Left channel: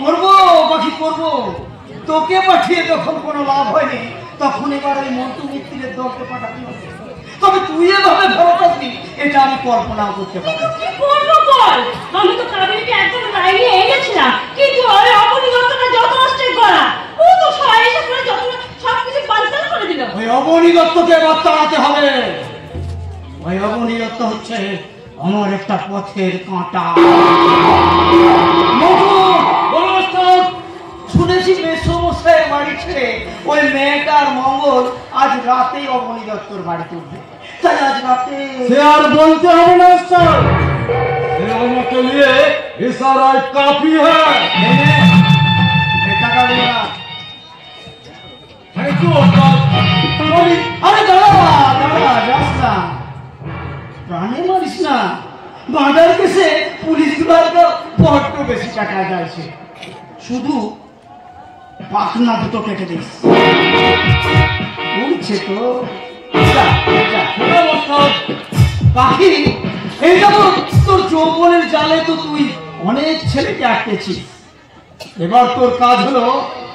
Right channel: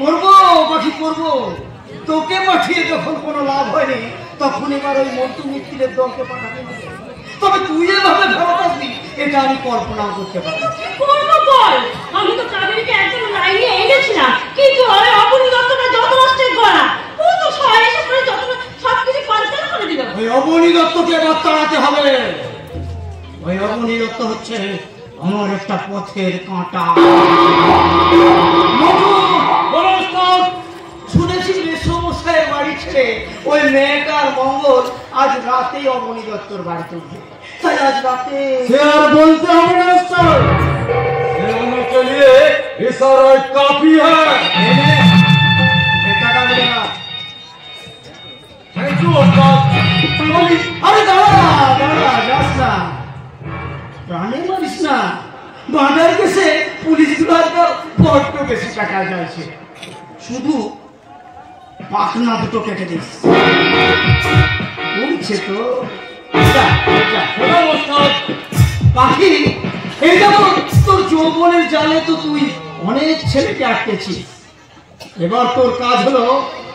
করবো বাকি করবো। তোকে পাঠিয়ে যখন কোনো লাভ হয়নি তখন এবার ওই মন্টু মিত্রের দলকে পাঠাতে হবে। তবে তুই এভাবে ফেরত আসবি এটা আমি কল্পনাও করতে পারি। আমি তো তাদেরকে একদম লাইনে এনেছিলাম, কিন্তু ওই অপরিবর্তনা যত নষ্টের গড়া ও তো সবাই করে যত সবকিছু পাল্টাল করে দিল। ওই অবনীদত্তকে এবার তাড়াতে হবে। ওই অবনীদত্ত হচ্ছে আমার একটা পথের কাঁটা। শুনেছি মেসমশাইয়ের বাড়ি ছেড়ে ওই মেয়েটার মঙ্গল আজ রাতে অবনীদত্তর বাড়িতে উঠবে। তাই আজ রাতে সে আর বলতে হবে না স্যার, के लिए इशारा काफी है। Thank you. अरे दादा दादा रास्ता প্রাণের মারিস না। বাঁধার কেসে পুলিশগুলোর তো বড্ড বেশি টাকা যাচ্ছে। শুধু পাখনা দুটো কেটে দিস। বলছে তো পাখি এইটা তো তোর যৌবনের জালে তো তুই অনেক ছেলেকে আটকেছিস। এবার তোর কাজ হলো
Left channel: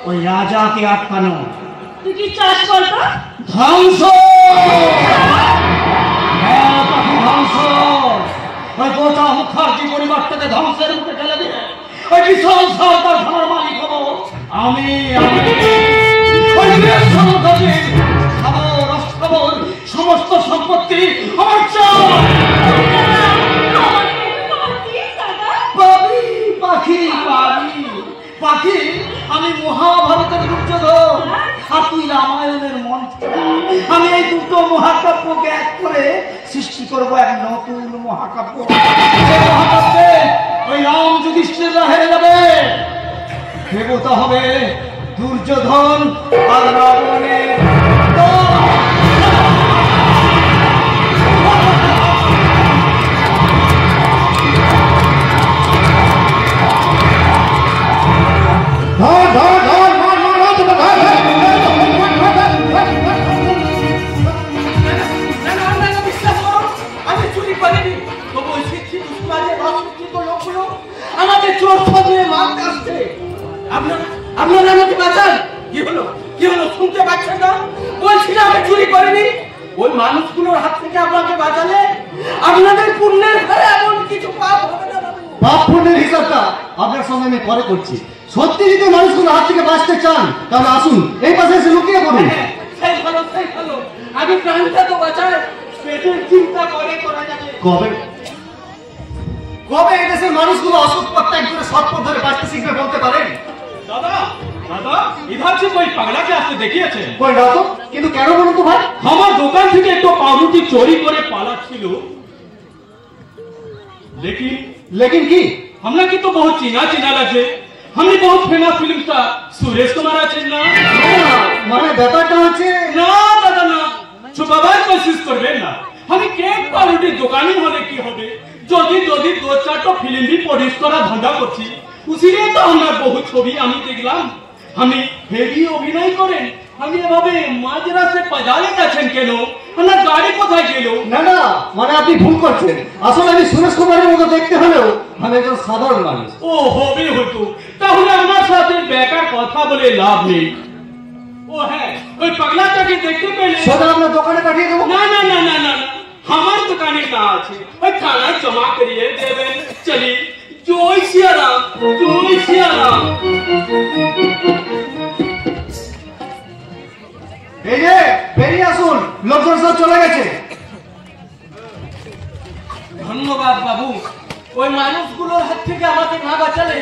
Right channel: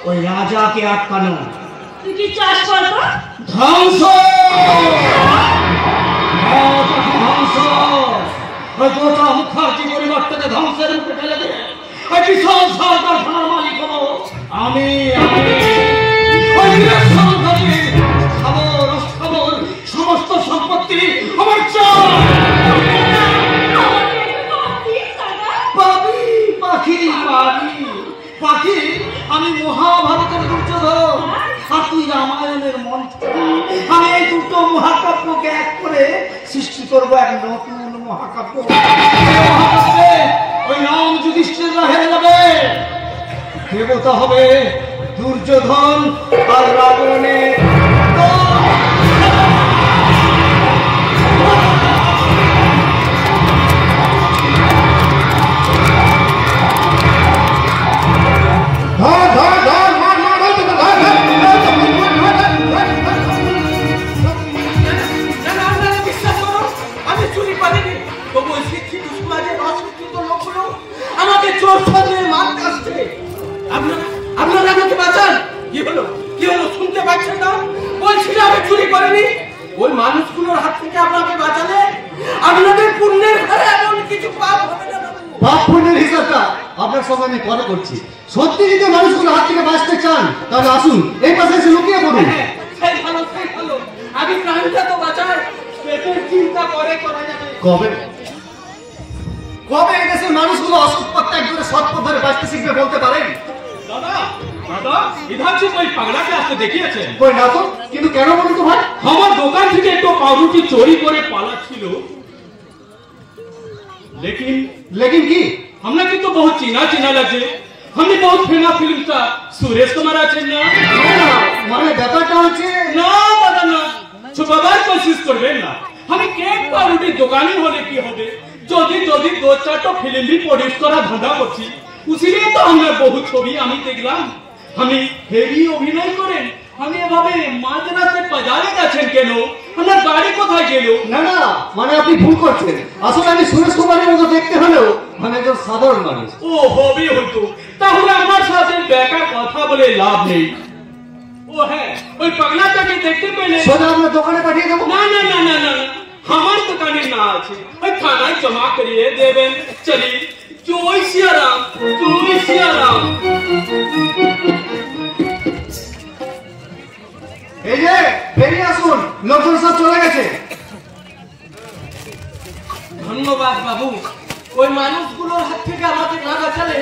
ওই রাজাকে আটকানো। তুই কি চাস করবো? ধ্বংস ধ্বংস। ওই গোটা মুখার্জি পরিবারটাকে ধ্বংসের মুখে ফেলে দিয়ে ওই বিশাল সরকার খানার মালিক হবো আমি। খবর সমস্ত সম্পত্তি আমার পাবি পাখি পাবি পাখি। আমি মহাভারতের দুর্যোধন আর তুই রামায়ণের মন্ত্র। আমি এই দুটো মহাকাব্যকে এক করে সৃষ্টি করবো এক নতুন মহাকাব্য। ওই রাম যুধিষ্ঠিররা হেরে যাবে, দেবতা হবে দুর্যোধন আর রাবণের। ওই মানুষগুলোর হাত থেকে আপনাকে বাঁচালে আপনাদের পুণ্যের ফলে এমন কিছু পাপ হবে না বাবু। পাপ পুণ্যের হিসাবটা আপনার সঙ্গে আমি পরে করছি। সত্যি যদি মানুষগুলোর হাত থেকে বাঁচতে চান তাহলে আসুন এই পাশে এসে লুকিয়ে পড়ুন। সেই ভালো সেই ভালো। আমি প্রাণটা তো বাঁচাই, পেটের চিন্তা করে করা যাবে। কবে কবে এই দেশের মানুষগুলো অসৎ পথ ত্যাগ করে সৎ পথ ধরে বাঁচতে শিখবে বলতে পারেন? দাদা দাদা इधर से कोई पगला के আসতে দেখিয়েছেন? কই না তো, কিন্তু কেন বলুন তো ভাই? আমার দোকান থেকে একটু পাউরুটি চুরি করে পালাচ্ছিল। लेकिन কি আপনাকে তো বহুত চিনা চিনা লাগছে। हमने बहुत famous film star Suresh Kumar আছেন না? মানে ব্যাপারটা হচ্ছে না দাদা না, ছুপাবার কোশিশ করবেন না। আমি কেক পাউরুটির দোকানি হলে কি হবে, যদি যদি দু চারটা ফিল্ম भी প্রডিউস করা ধান্দা করছি। উসিলিয়ে তো আমরা বহু ছবি আমি দেখলাম। আমি হেভি অভিনয় করেন, আমি এভাবে মাঝরাতে বাজারে যাচ্ছেন কেন? আপনার গাড়ি কোথায় গেল? না না, মানে আপনি ভুল করছেন। আসলে আমি সুরেশ কুমারের মতো দেখতে হলেও আমি একজন সাধারণ মানুষ। ও হবে হতো, তাহলে আমার সাথে বেকার কথা বলে লাভ নেই। ও হ্যাঁ, ওই পাগলাটাকে দেখতে পেলে সোজা আপনার দোকানে পাঠিয়ে দেবো। না না না না না, আমার দোকানে না আছে, ওই থানায় জমা করিয়ে দেবেন। চলি। জয় সিয়ারাম, জয় সিয়ারাম। এই যে বেরিয়ে আসুন, লোকজন সব চলে গেছে। ধন্যবাদ বাবু। ওই মানুষগুলোর হাত থেকে আমাকে না বাঁচালে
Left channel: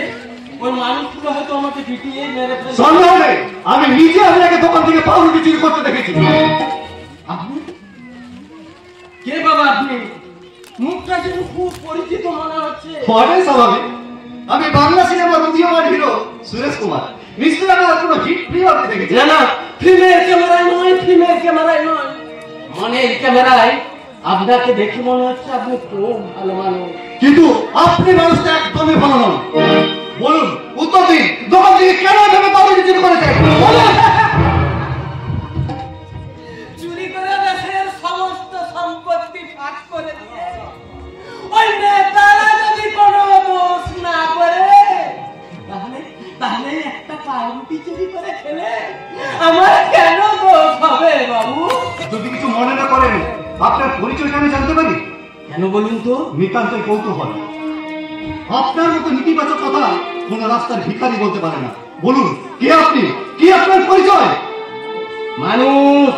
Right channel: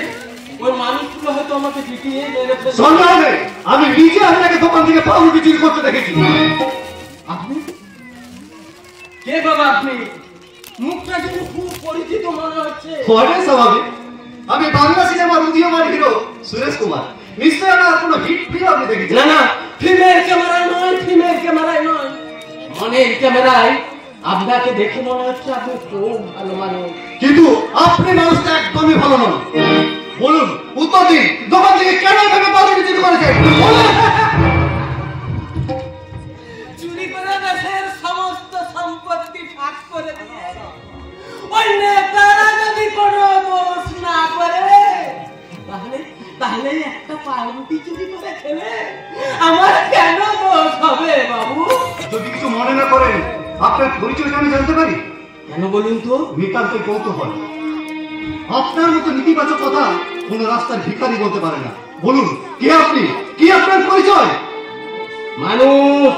ওই মানুষগুলো হয়তো আমাকে পিটিয়ে মেরে ফেলবে। সন্দেহ নেই, আমি নিজে আপনাকে দোকান থেকে পাউরুটি চুরি করতে দেখেছি। আপনি কে বাবা? আপনি মুখটা কিন্তু খুব পরিচিত মনে হচ্ছে। অনেক স্বাভাবিক, আমি বাংলা সিনেমার উদীয়মান হিরো সুরেশ কুমার। নিশ্চয়ই আমার কোনো হিট ফিল্ম আপনি দেখেছেন। না না, ফিল্মের ক্যামেরায় নয়, ফিল্মের ক্যামেরায় নয়, মনের ক্যামেরায় আপনাকে দেখে মনে হচ্ছে আপনি খুব ভালো মানুষ। কিন্তু আপনি মানুষটা একদমই ভালো নন। বলুন, উত্তর দিন, দোকান থেকে কেন এভাবে পাউরুটি চুরি করেছেন? চুরি করে দেশের সমস্ত সম্পত্তি ভাগ করে দিয়ে ওই নেতারা যদি কোনো দোষ না করে তাহলে বলে একটা পাউরুটি চুরি করে খেলে আমার কেন দোষ হবে বাবু? যদি কিছু মনে না করেন, আপনার পরিচয়টা আমি জানতে পারি? কেন বলুন তো? নিতান্ত কৌতূহল। আপনার মতো নেতিবাচক কথা কোন রাস্তার ভিখারি বলতে পারে না। বলুন, কে আপনি? কি আপনার পরিচয়? মানুষ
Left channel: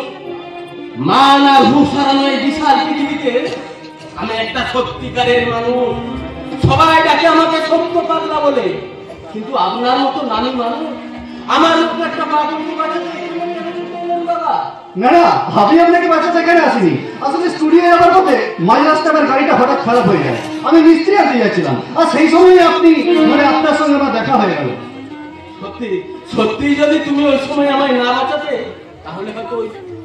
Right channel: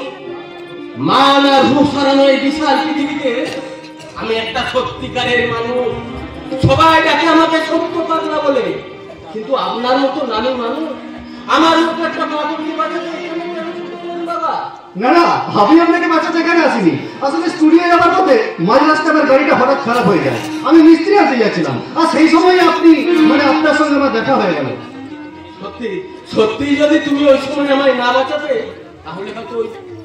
মান আর হুঁশ হারানো এই বিশাল পৃথিবীতে আমি একটা সত্যিকারের মানুষ। সবাই ডাকে আমাকে সত্য পাগলা বলে, কিন্তু আপনার মতো নামী মানুষ আমার উপর একটা পাগলকে বাঁচাতে এখানে কেন করলেন বাবা? না না, আমি আপনাকে বাঁচাতে এখানে আসিনি। আসলে স্টুডিও আমার পথে মাঝ রাস্তার গাড়িটা হঠাৎ খারাপ হয়ে যায়। আমি মিস্ত্রি আসতে যাচ্ছিলাম, আর সেই সময় আপনি আপনার সঙ্গে আমার দেখা হয়ে গেল। সত্যি সত্যি যদি তুমি ওই সময় আমায় না বাঁচাতে, তাহলে হয়তো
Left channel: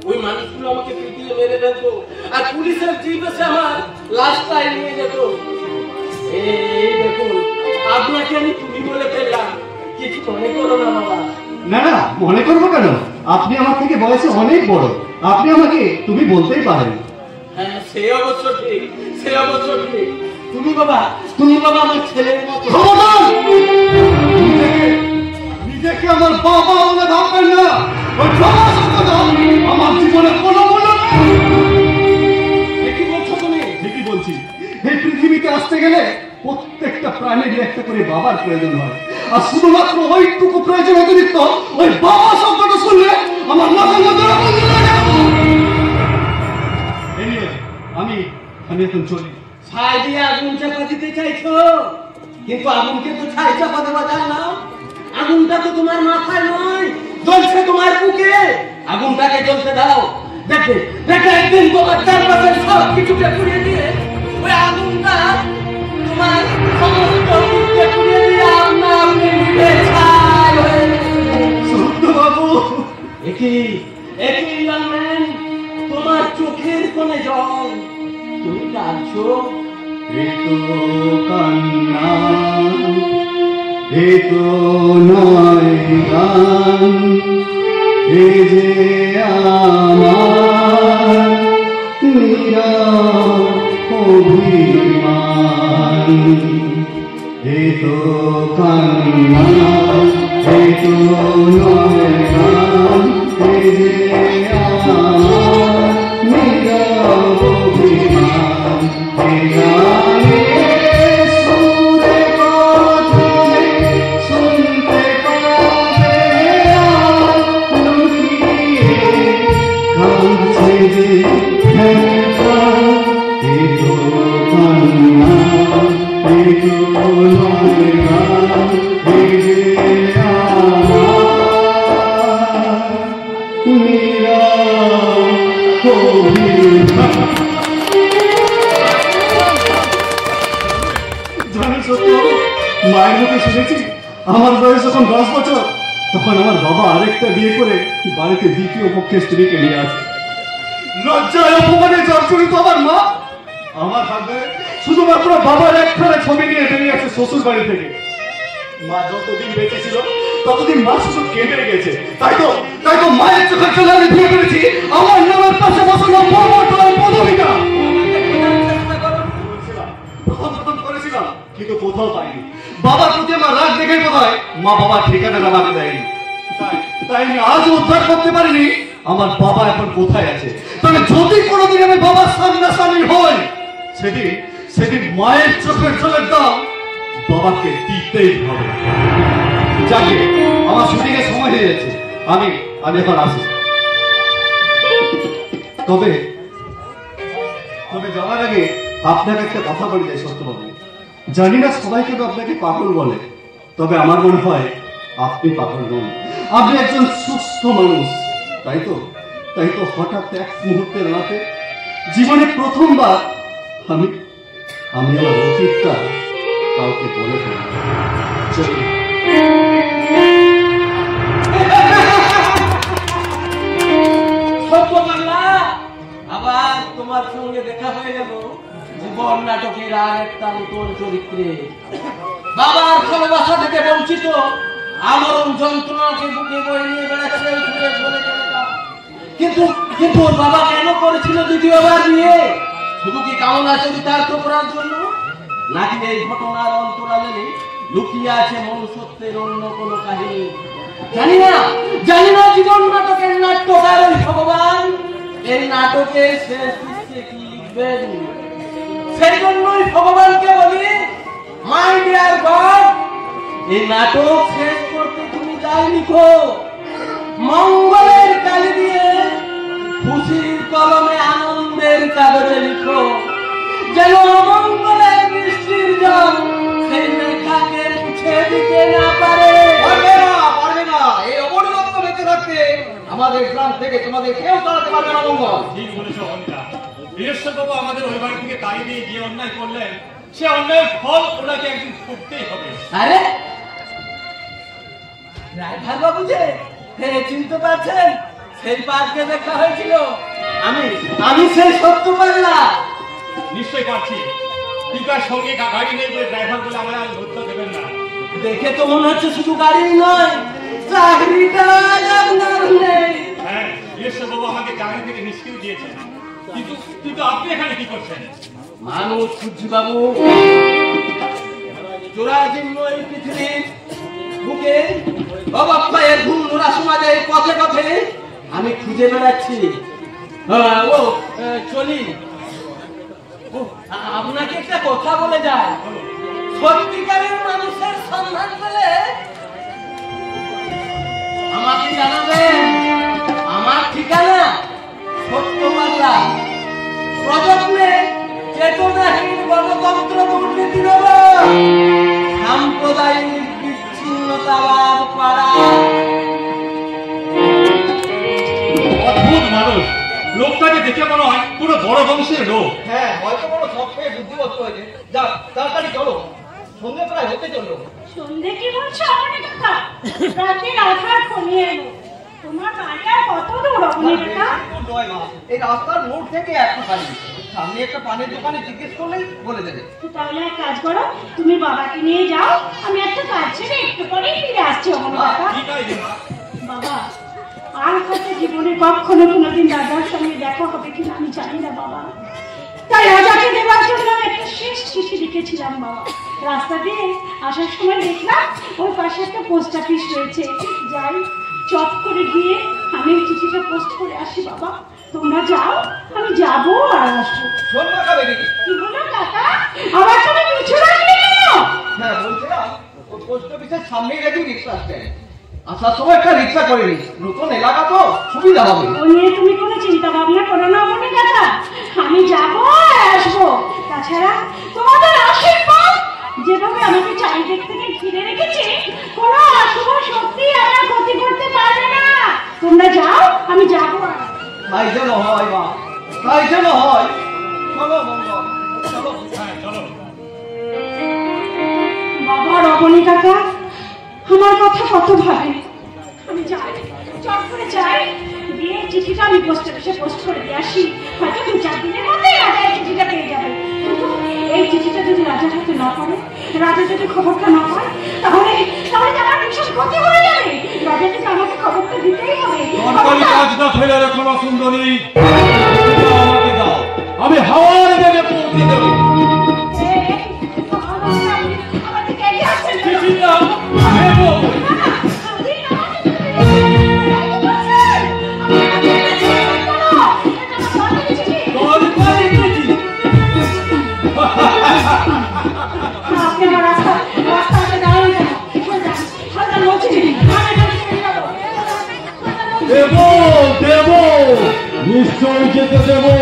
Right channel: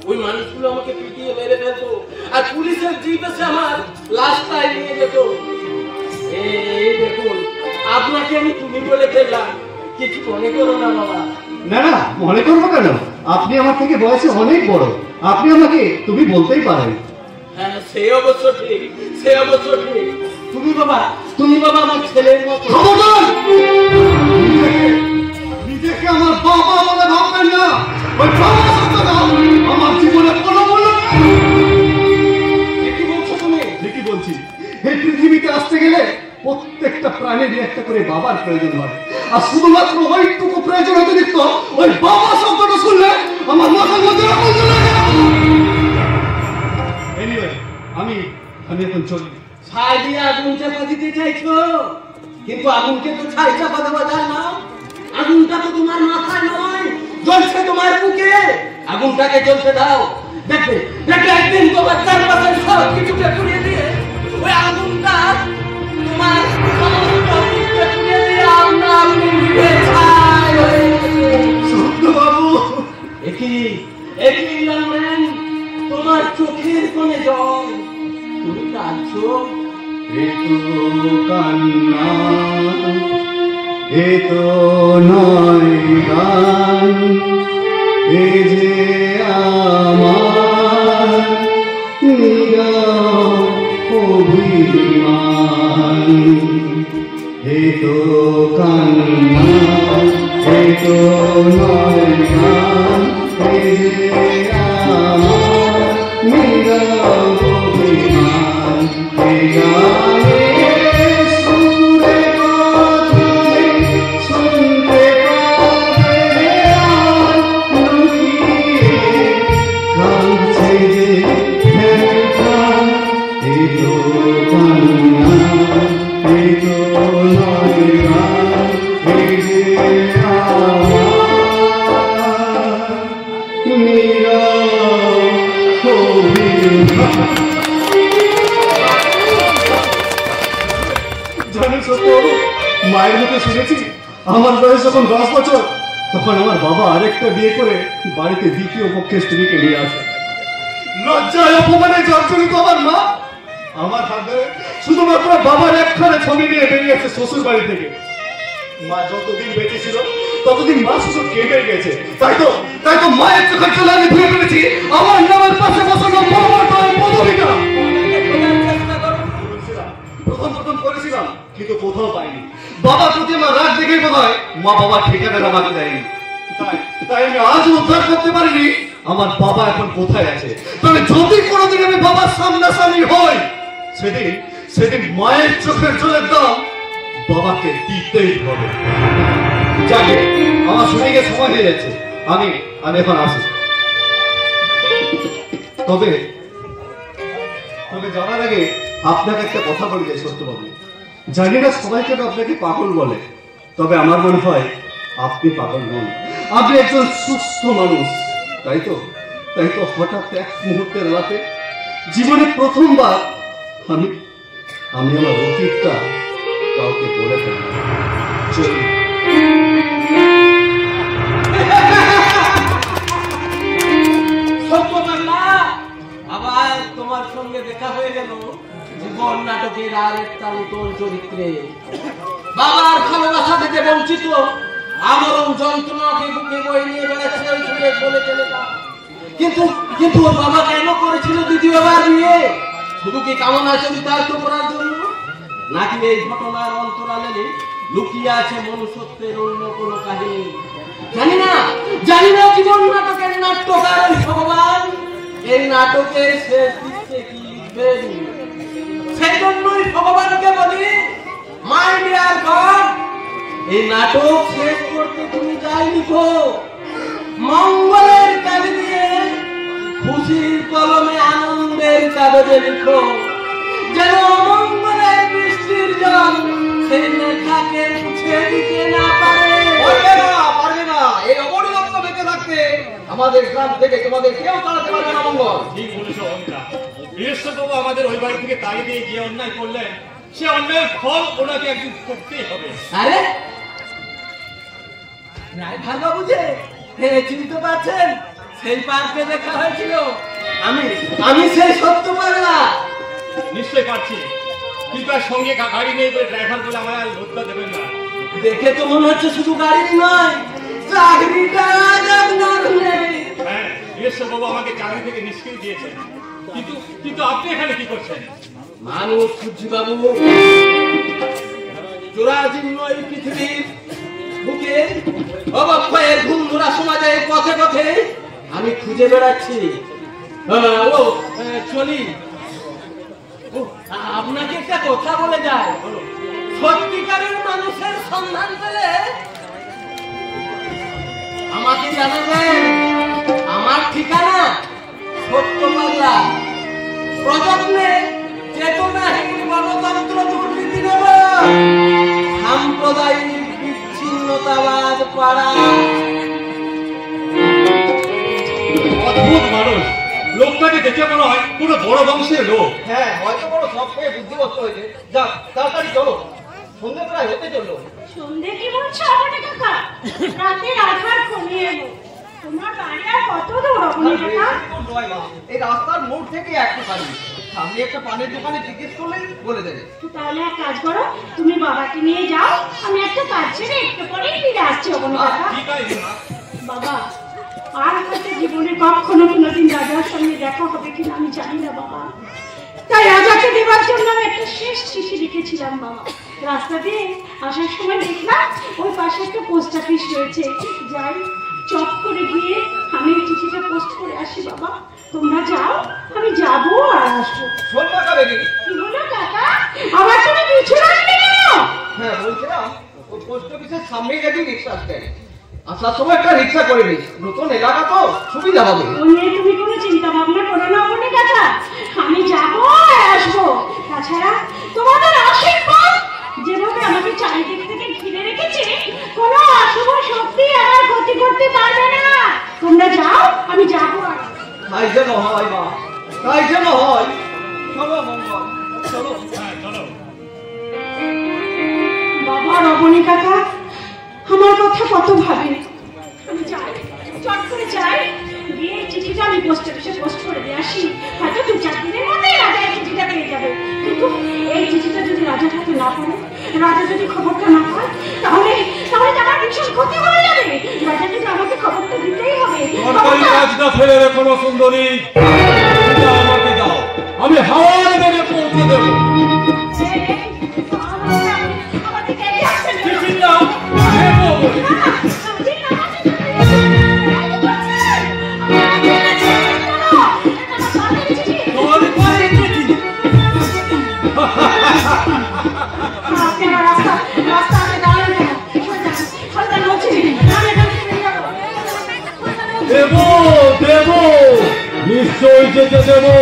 ওই মানুষগুলো আমাকে পিটিয়ে মেরে ফেলতো, আর পুলিশের জিপ এসে আমার লাশটাই নিয়ে যেত। এই দেখুন, আপনাকে আমি তুমি বলে ফেললাম, কিছু মনে করো না বাবা। না না, মনে করবো কেন? আপনি আমার থেকে বয়সে অনেক বড়, আপনি আমাকে তুমি বলতেই পারেন। হ্যাঁ, সে অবশ্য ঠিক, সে অবশ্য ঠিক। তুমি বাবা আমার ছেলের মতো। নিজেকে আমার বাবা বলে ভাববেন না। ওই বাবা শব্দটা আমার জীবনে কোনো মূল্য নেই। কি বলছো তুমি? ঠিকই বলছি। এই পৃথিবীতে আসতে গেলে প্রত্যেকটা প্রাণীর একটা করে বাবার প্রয়োজন হয়, আর শুধুমাত্র ওইটুকু প্রয়োজন অতিরিক্ত ওই বাবা শব্দটা শুনলে আমার মাথার মধ্যে আগুন লাগে। Anyway, আমি এখন চলি। ছাই দিয়ে আগুন চাপা দিতে চাইছো, কিন্তু আগুনকে তো ছাই চাপা দেওয়া যায় না। আগুনটা তো তোমার মাথায় নয়, জ্বলছে তোমার বুকে। আগুনটাকে জ্বলতে দাও, দেখবে একদিন তোমার চারপাশের সব কিছুকে পুড়িয়ে দিয়ে ওই আগুনটা তোমার সমস্ত বুককে পুড়িয়ে দিয়ে আপনি নিভে ছাই হয়ে যাবে। বাবু, একই লালম্যান, তোমার চোখের কোণে জল, তুমি কাঁদছো। কান্না এ তো নয় গান, এ যে আমার নীরব অভিমান। এ তো কান্না এ তো নয় গান, এ যে আমার নীরব অভিমান। এ গানে সুরে কথায় শুনতে পাবে লুকিয়ে কাঁদছে যে প্রাণ। এ তো কান্না এ তো নয় গান, এ যে আমার নীরব অভিমান। জানি সত্য, মায়ের মুখে শুনেছি আমার বয়স যখন 10 বছর, তখন আমার বাবা আরেকটা বিয়ে করে বাড়িতে দ্বিতীয় পক্ষের স্ত্রীকে নিয়ে আসে। লজ্জায় অপমানে জর্জরিত আমার মা আমার হাতে শুধুমাত্র বাবার একখানা ছবি নিয়ে বেরিয়েছে শ্বশুর বাড়ি থেকে। মা যতদিন বেঁচে ছিল ততদিন মা শুধু কেটে গেছে। তাই তো মায়ের চোখের জন্য আমি ভুলে ফেলেছি আমার নামের পাশে বসানো বাবার পদবিটা। করেছিলাম, কিন্তু কোথাও পাইনি। বাবার প্রতি আমার রাগ দেখে বোধ হয় মা বাবার ঠিকানা আমাকে দেয়নি। তাই আমি আজও উদ্ধার করতে পারিনি আমার বাবা এখন কোথায় আছে। তবে যদি কোনোদিন আমি বাবার সামনাসামনি হই, সেদিন মায়ের চোখের জলের দাম বাবাকে দিতেই হবে। যাকে আমার শুটিংয়ের সময় হয়ে যাচ্ছে, আমি এখন আসি। তবে যাওয়ার আগে আপনার একটা কথা বলি যাই সত্যবাবু। জানি না সবাই কেন আপনাকে পাগল বলে, তবে আমার মনে হয় আপনি পাগল নন, আপনি একজন সুস্থ মানুষ। তাই তো হঠাৎ এক মুহূর্তের রাতে জীবনে প্রথমবার আমি আমার অতীতটা কাউকে বলে ফেলি। চলি। আবার তোমার সঙ্গে দেখা হয়ে গেল জীবন নাটকের আর একটা নতুন চরিত্রে। বাবার ভালোবাসা থেকে বঞ্চিত, আমরণ যন্ত্রণাকে বুকে বয়ে নিয়ে বেড়াচ্ছে বলে চলেটা। কিন্তু ওর বাবা কেন করেছিল দ্বিতীয়বার বিয়ে? শুধু কি কামনা চরিতার্থ করার জন্য, নাকি এই ঘটনার অন্তরালে লুকিয়ে আছে মনুষ্যত্বের অন্য কোনো কাহিনী। জানি না জীবন নাটকের নাট্যকার ভগবান এই নাটকের শেষ দৃশ্যে কি লিখবেন। সেই জন্যই ভগবানকে বলি, মাই ডিয়ার গড, এই নাটক শেষ করতে তুমি যাই লিখো, মঙ্গলের কালি দিয়ে খুশির কলমে আনন্দের কাগজে লিখো, যেন অমঙ্গলের বৃষ্টির জল সেই লেখাকে মুছে দিতে না পারে। পারবে না। এই অবনগত বেঁচে থাকতে আমাদের গ্রাম থেকে তোমাদের কেউ চালাতে পারবে না। মঙ্গল ঠিক বলেছ অনিতা। বীরেশ্বরবাবু আমাদের ওই বাড়ি থেকে তাড়িয়ে দিয়ে যে অন্যায় করলেন, সে অন্যায়ের ফল ওনাকে একদিন করতেই হবে। আরে রায়ভার বাবু যে, হ্যাঁ চিনতে পারছেন, সেই পার্কে দেখা হয়েছিল, আমি সেই সত্য পাল্লা। নিশ্চয় পারছি, কিন্তু আর সঙ্গে গাড়ি নেই বলে ড্রাইভার বলে আমার আর হত্যা দেবেন না। দেখে তো মনে হচ্ছে শুধু গাড়ি নয়, চাকরিটা আপনার নেই। হ্যাঁ, বীরেশ্বরবাবু আমাকে চাকরি থেকে নিষ্কৃতি দিয়েছেন, কিন্তু আপনি এখানে কি করছেন? মানুষ খুঁজছি বাবু, জোড়াজীর্ণ এই পৃথিবীর বুকে অবক্ষয়ের বন্ধুরা সমাজের পথে পথে আমি খুঁজে বেড়াচ্ছি। চলি, আপনাকে একটা কথা বলে যায়, সত্যিকারের মানুষের সন্ধান পেলে আমাকে জানাবেন। আমার ঠিকানা সত্যপাল্লা, প্রযত্নে চেতনাহীন গণতন্ত্র দুর্নীতির সাম্প্রদায়িক বিচ্ছিন্নতাবাদ পাড়া। অদ্ভুত মানুষ, লোকটাকে দেখে মনে হয় পুরো বড় বংশের লোক। হ্যাঁ, হয়তো বড় সব পেয়ে বুদ্ধিমত্ত হয়েছে। যাক, তাড়াতাড়ি চলো, সন্ধ্যে প্রায় হতে চললো। সন্ধে কি বলছো অবনী কাকা? রাতে আধার কমিয়ে এলো। তোমার বাড়ি আর কত দূর অবনী কাকা? নয় মা, এই রাস্তার মোড় থেকে একটু খালি, সামনে একটা পানের দোকানে জিজ্ঞেস করলেই বলে দেবে। তাহলে এক কাজ করো, তুমি বাবাকে নিয়ে যাও, আমি একটা কাজ ছেড়ে একটু পরেই ফিরে আসছি অবনী কাকা। ঠিক আছে মা। বাবা, আর হয়তো জীবনে কখনো কোনোদিন রাজার সঙ্গে দেখা হবে কিনা আমি জানি না বাবা। তাই রাজাকে দেওয়ার জন্য আমি একটা শেষ চিঠি লিখেছিলাম বাবা। রাস্তা দিয়ে আসার সময় দেখলাম ওই পাশে একটা পোস্ট অফিস রয়েছে, যাই চট করে গিয়ে আমি চিঠিটা পোস্ট করে আসি বাবা। তোমরা যাও, আমি যাবো আর আসবো। শোন বাঁকা বেবি। কি বলো কাকা? আমার কোনো কিছু লাগবে কেন? হ্যাঁ, বলছিলাম ওই পোস্ট অফিসের সামনে যদি রিক্সা আসবে, আসার সময় একটা রিক্সা করে নিস, নতুন এলাকা তো সুবিধা হবে। ও নিয়ে তুমি কোনো চিন্তা ভাবনা করো না অবনী কাকা, আমি যাবো আর আসবো। তাছাড়া তোমাদের আশীর্বাদ যেভাবে আমাকে চারিদিক থেকে ঘিরে রেখেছে, কোনো অশুভ শক্তি আমার ক্ষতি করতে পারবে না। তোমরা যাও, আমি যাবো আর। তাই যেন হয় মা, তাই যেন হয়। চলো মঙ্গল, চলো। হ্যাঁ চলো। বাবা রমণী কাকা আমার কথা কত ভাবে। আমি যাই, চট করে যাই, গিয়ে চিঠিটা আমি পোস্ট অফিসে পোস্ট করে দিয়ে আসি। হয়তো 2-4 দিনের মধ্যে রাজা এই চিঠিটা পেয়ে যাবে। কিন্তু এই চিঠিটা যদি রাজা হাতে না পারে, রাজা যদি খবরটা না পায়, তাহলে আমার ভীষণ ক্ষতি হয়ে যাবে। রাজা কিন্তু আমাকে খবরটা দিতেই হবে। সরকারি কাজটা ফেলে রেখো না সুন্দরী, আমাকে দাও, আমি হাওয়ার বেগে পৌঁছে দেবো। চিঠিটা নেবো। দেবো দেবো, নিশ্চয় যেতে দেবো।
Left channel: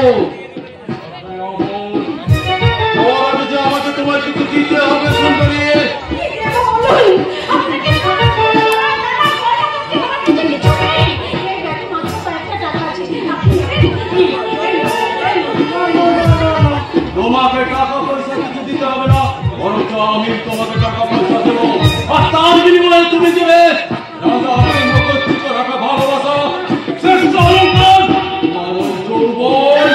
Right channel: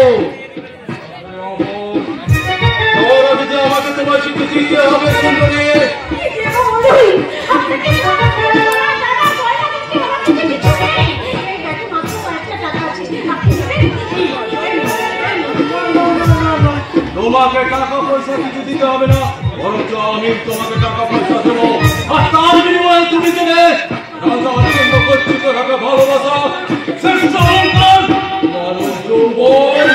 যে আমাকে তোমার চিঠি দিতে হবে সুন্দরী। তোমাকে টাকা পয়সা কিছু দিতে হবে না, বরঞ্চ আমি তোমাকে টাকা পয়সা দেবো, আর তার বিনিময়ে তুমি দেবে রাজা অত্যন্ত কর্তৃত্ব রাখা ভালোবাসা, শ্রেষ্ঠ অলঙ্কার, মানব যৌবন।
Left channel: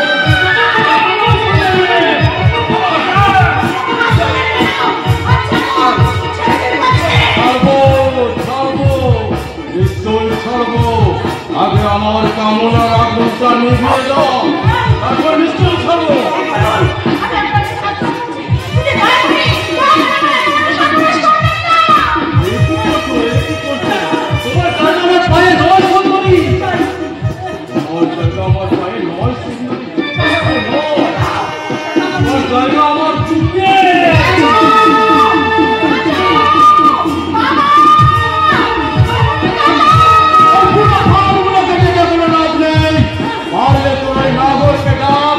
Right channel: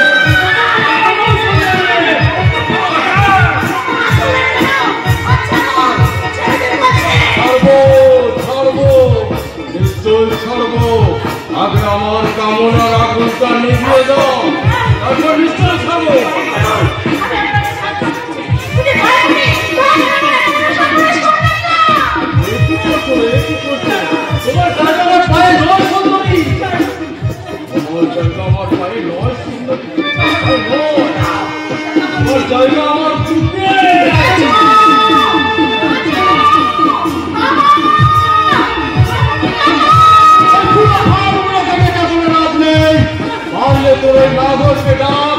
পারলে তোর ওই নাগরকে ডাক,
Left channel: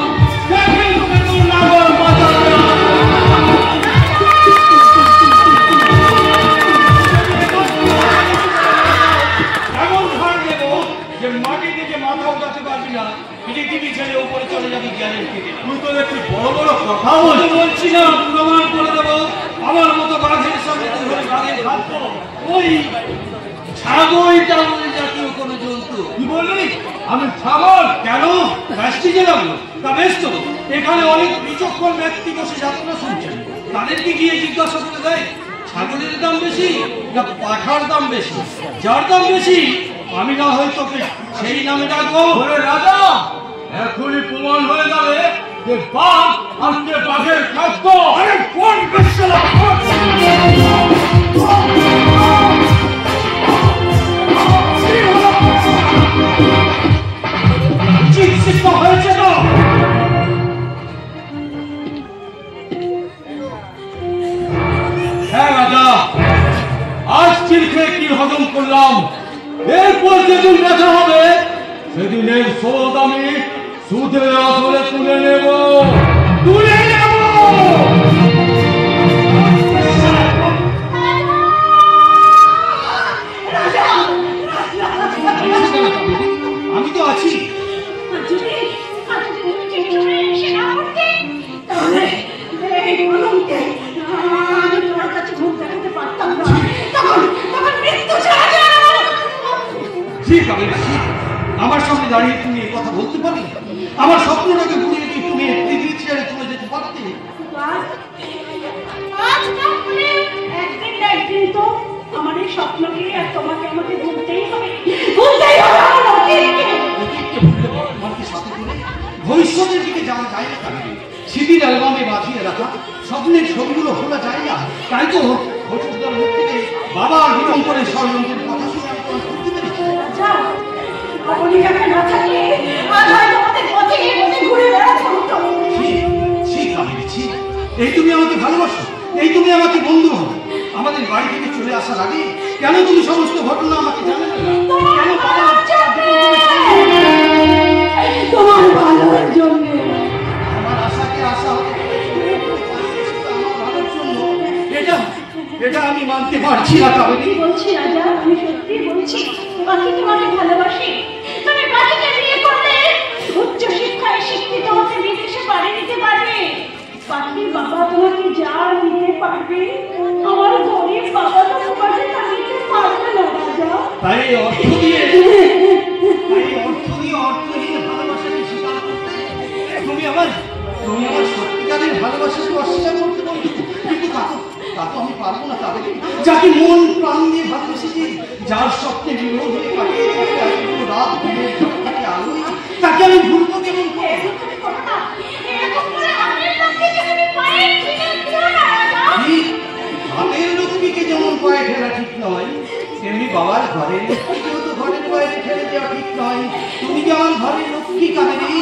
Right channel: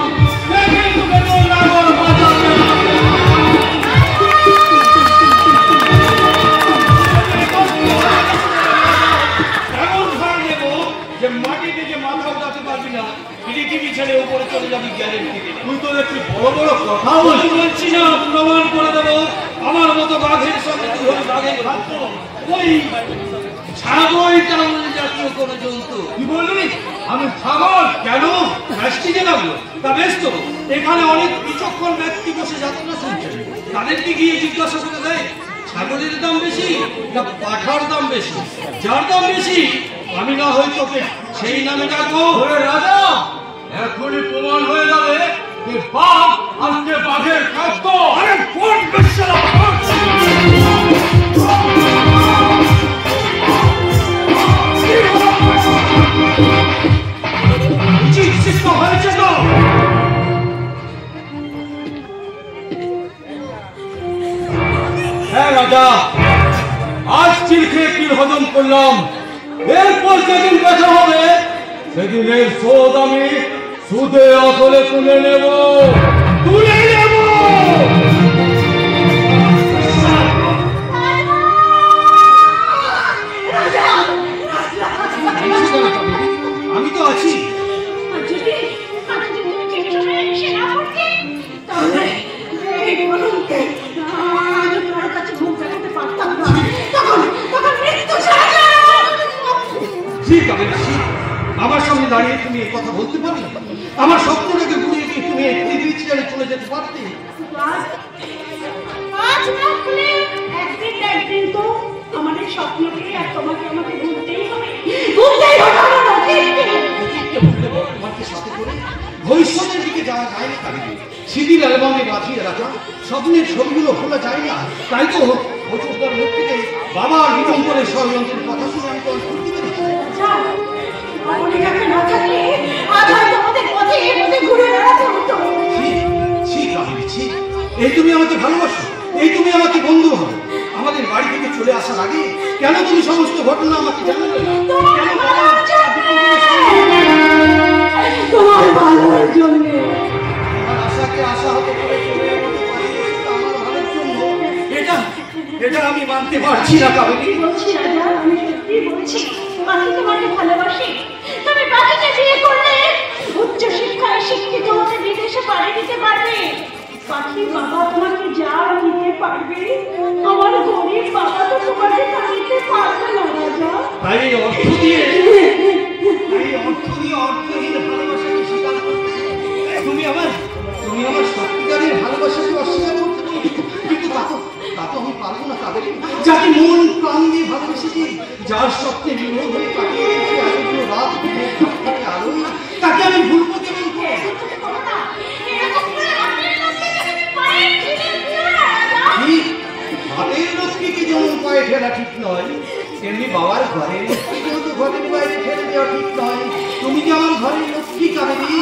দেখি তোকে তোর নাগর বাঁচাবে। এমন ভার দেবো যে মাটি থেকে মাথা উঠাতে পারবি না, পৃথিবী ছেড়ে উপরে চলে যাবি গ্যারেন্টি দিলাম। তুই তো দেখছি বড় বড় কথা আমি বলছি না, প্রমাণ করে দেবো। আমার মতো বাঘের সঙ্গে তুই হলে বাঘের খাদ্য, ওই ছাগলটা জাতীয় কোনো জন্তু। কি বললি? আমি ছাগল? কেন রাষ্ট্রীয় লাগলো? তা বেশ তো, এখানে অনেক বিচক্ষণ ব্যক্তি বসে যাত্রা শুনছেন, তাদেরকে গিয়ে জিজ্ঞাসা করে দেয় ছাগলের দাম বেশি না পাঠার দাম বেশি। যার দাম বেশি আমি না হয় তোকে সেই নামে ডাকবো। ওরে রাজা, এখনই প্রমাণ হয়ে যাবে যে বাঘ আজকে বাঘের খাদ্য। আরে কোন বেশ্যালা চিৎসিত হয়েছে তো? হ্যাঁ রাজা, আজ চির খেয়ে কি হজম করলাম, এরপর যেদিন দেখা হবে সেদিনের শোধ আমি সুদে আসলে তুলে নেব। আমি তো আছি। ঠিক আমি আমার সামনে দাঁড়িয়ে তুমি এই কথা বলতে পারো? আমার স্বপ্নটাকে ঘুরিয়ে দিয়ে তুমি পৃথিবী ছেড়ে চলে যেতে পারতে? একদিন তো আমাদের স্বপ্নকে আর তোমাকে আমাকে ভুলতেই হবে। ভবিষ্যতের দিকে যাওয়া যায় না কারণে সিডির অ্যালবামে বাঁচিয়ে রাখা স্বপ্নের ছবিগুলো খোলা যায় না। তাই তো বছরদার লোক থেকে বাবা জীবন করে স্বর্ণের কথা শুনে আমি তো করতে পেরেছি। এই তুমি আমাকে ভালোবাসো, এই তুমি আমাকে বন্ধু হবে। আমাদের বাড়ি থেকে চলে আসার আগে কেন তুমি সমস্ত ঘটনা আমাকে জানালে না? কেন বাবা তোমার ভালোর জন্য আমার আশাকে আশা হতে আমার ভালোর জন্য এটা আমি মানতে পারছি না। কি বলছি রাজা, আমি সত্যি বলছি, বাকি তোমাকে ভালোবাসি। তুমি বাকিকে বিয়ে করলে উচ্চ শিক্ষায় শিক্ষিত হতে বিদেশে বাড়ি দিতে পারবে। বাকি বাবা তোমাকে যা দিতে পারবে, আমার গরিব বাবা তো তোমাকে তা দিতে পারবে না রাজা। তাই অর্থ দিয়ে ভালোবাসাকে স্বীকার করতে তুমি আমার সত্যিকারের ভালোবাসাকে অস্বীকার করতে পারো। কিন্তু তা তো আমি পারবো না। তাদের যাকে মন প্রাণ দিয়ে ভালোবেসেছি, যার স্বপ্নে বিমল হয়ে কাটিয়েছি এতগুলো রাত আলোয়, তাকে আমি ভুলবো কেমন করে? বাপের লক্ষ্মীকে যেমন পায়ে ঠেলা ঠিক নয়, তেমনি বাবার ঘরের লক্ষ্মীকেও তো ঘরের বাইরে ঠেলে দেওয়া ঠিক নয়। তুমি কি আমার ঘরের লক্ষ্মী কাবেরী?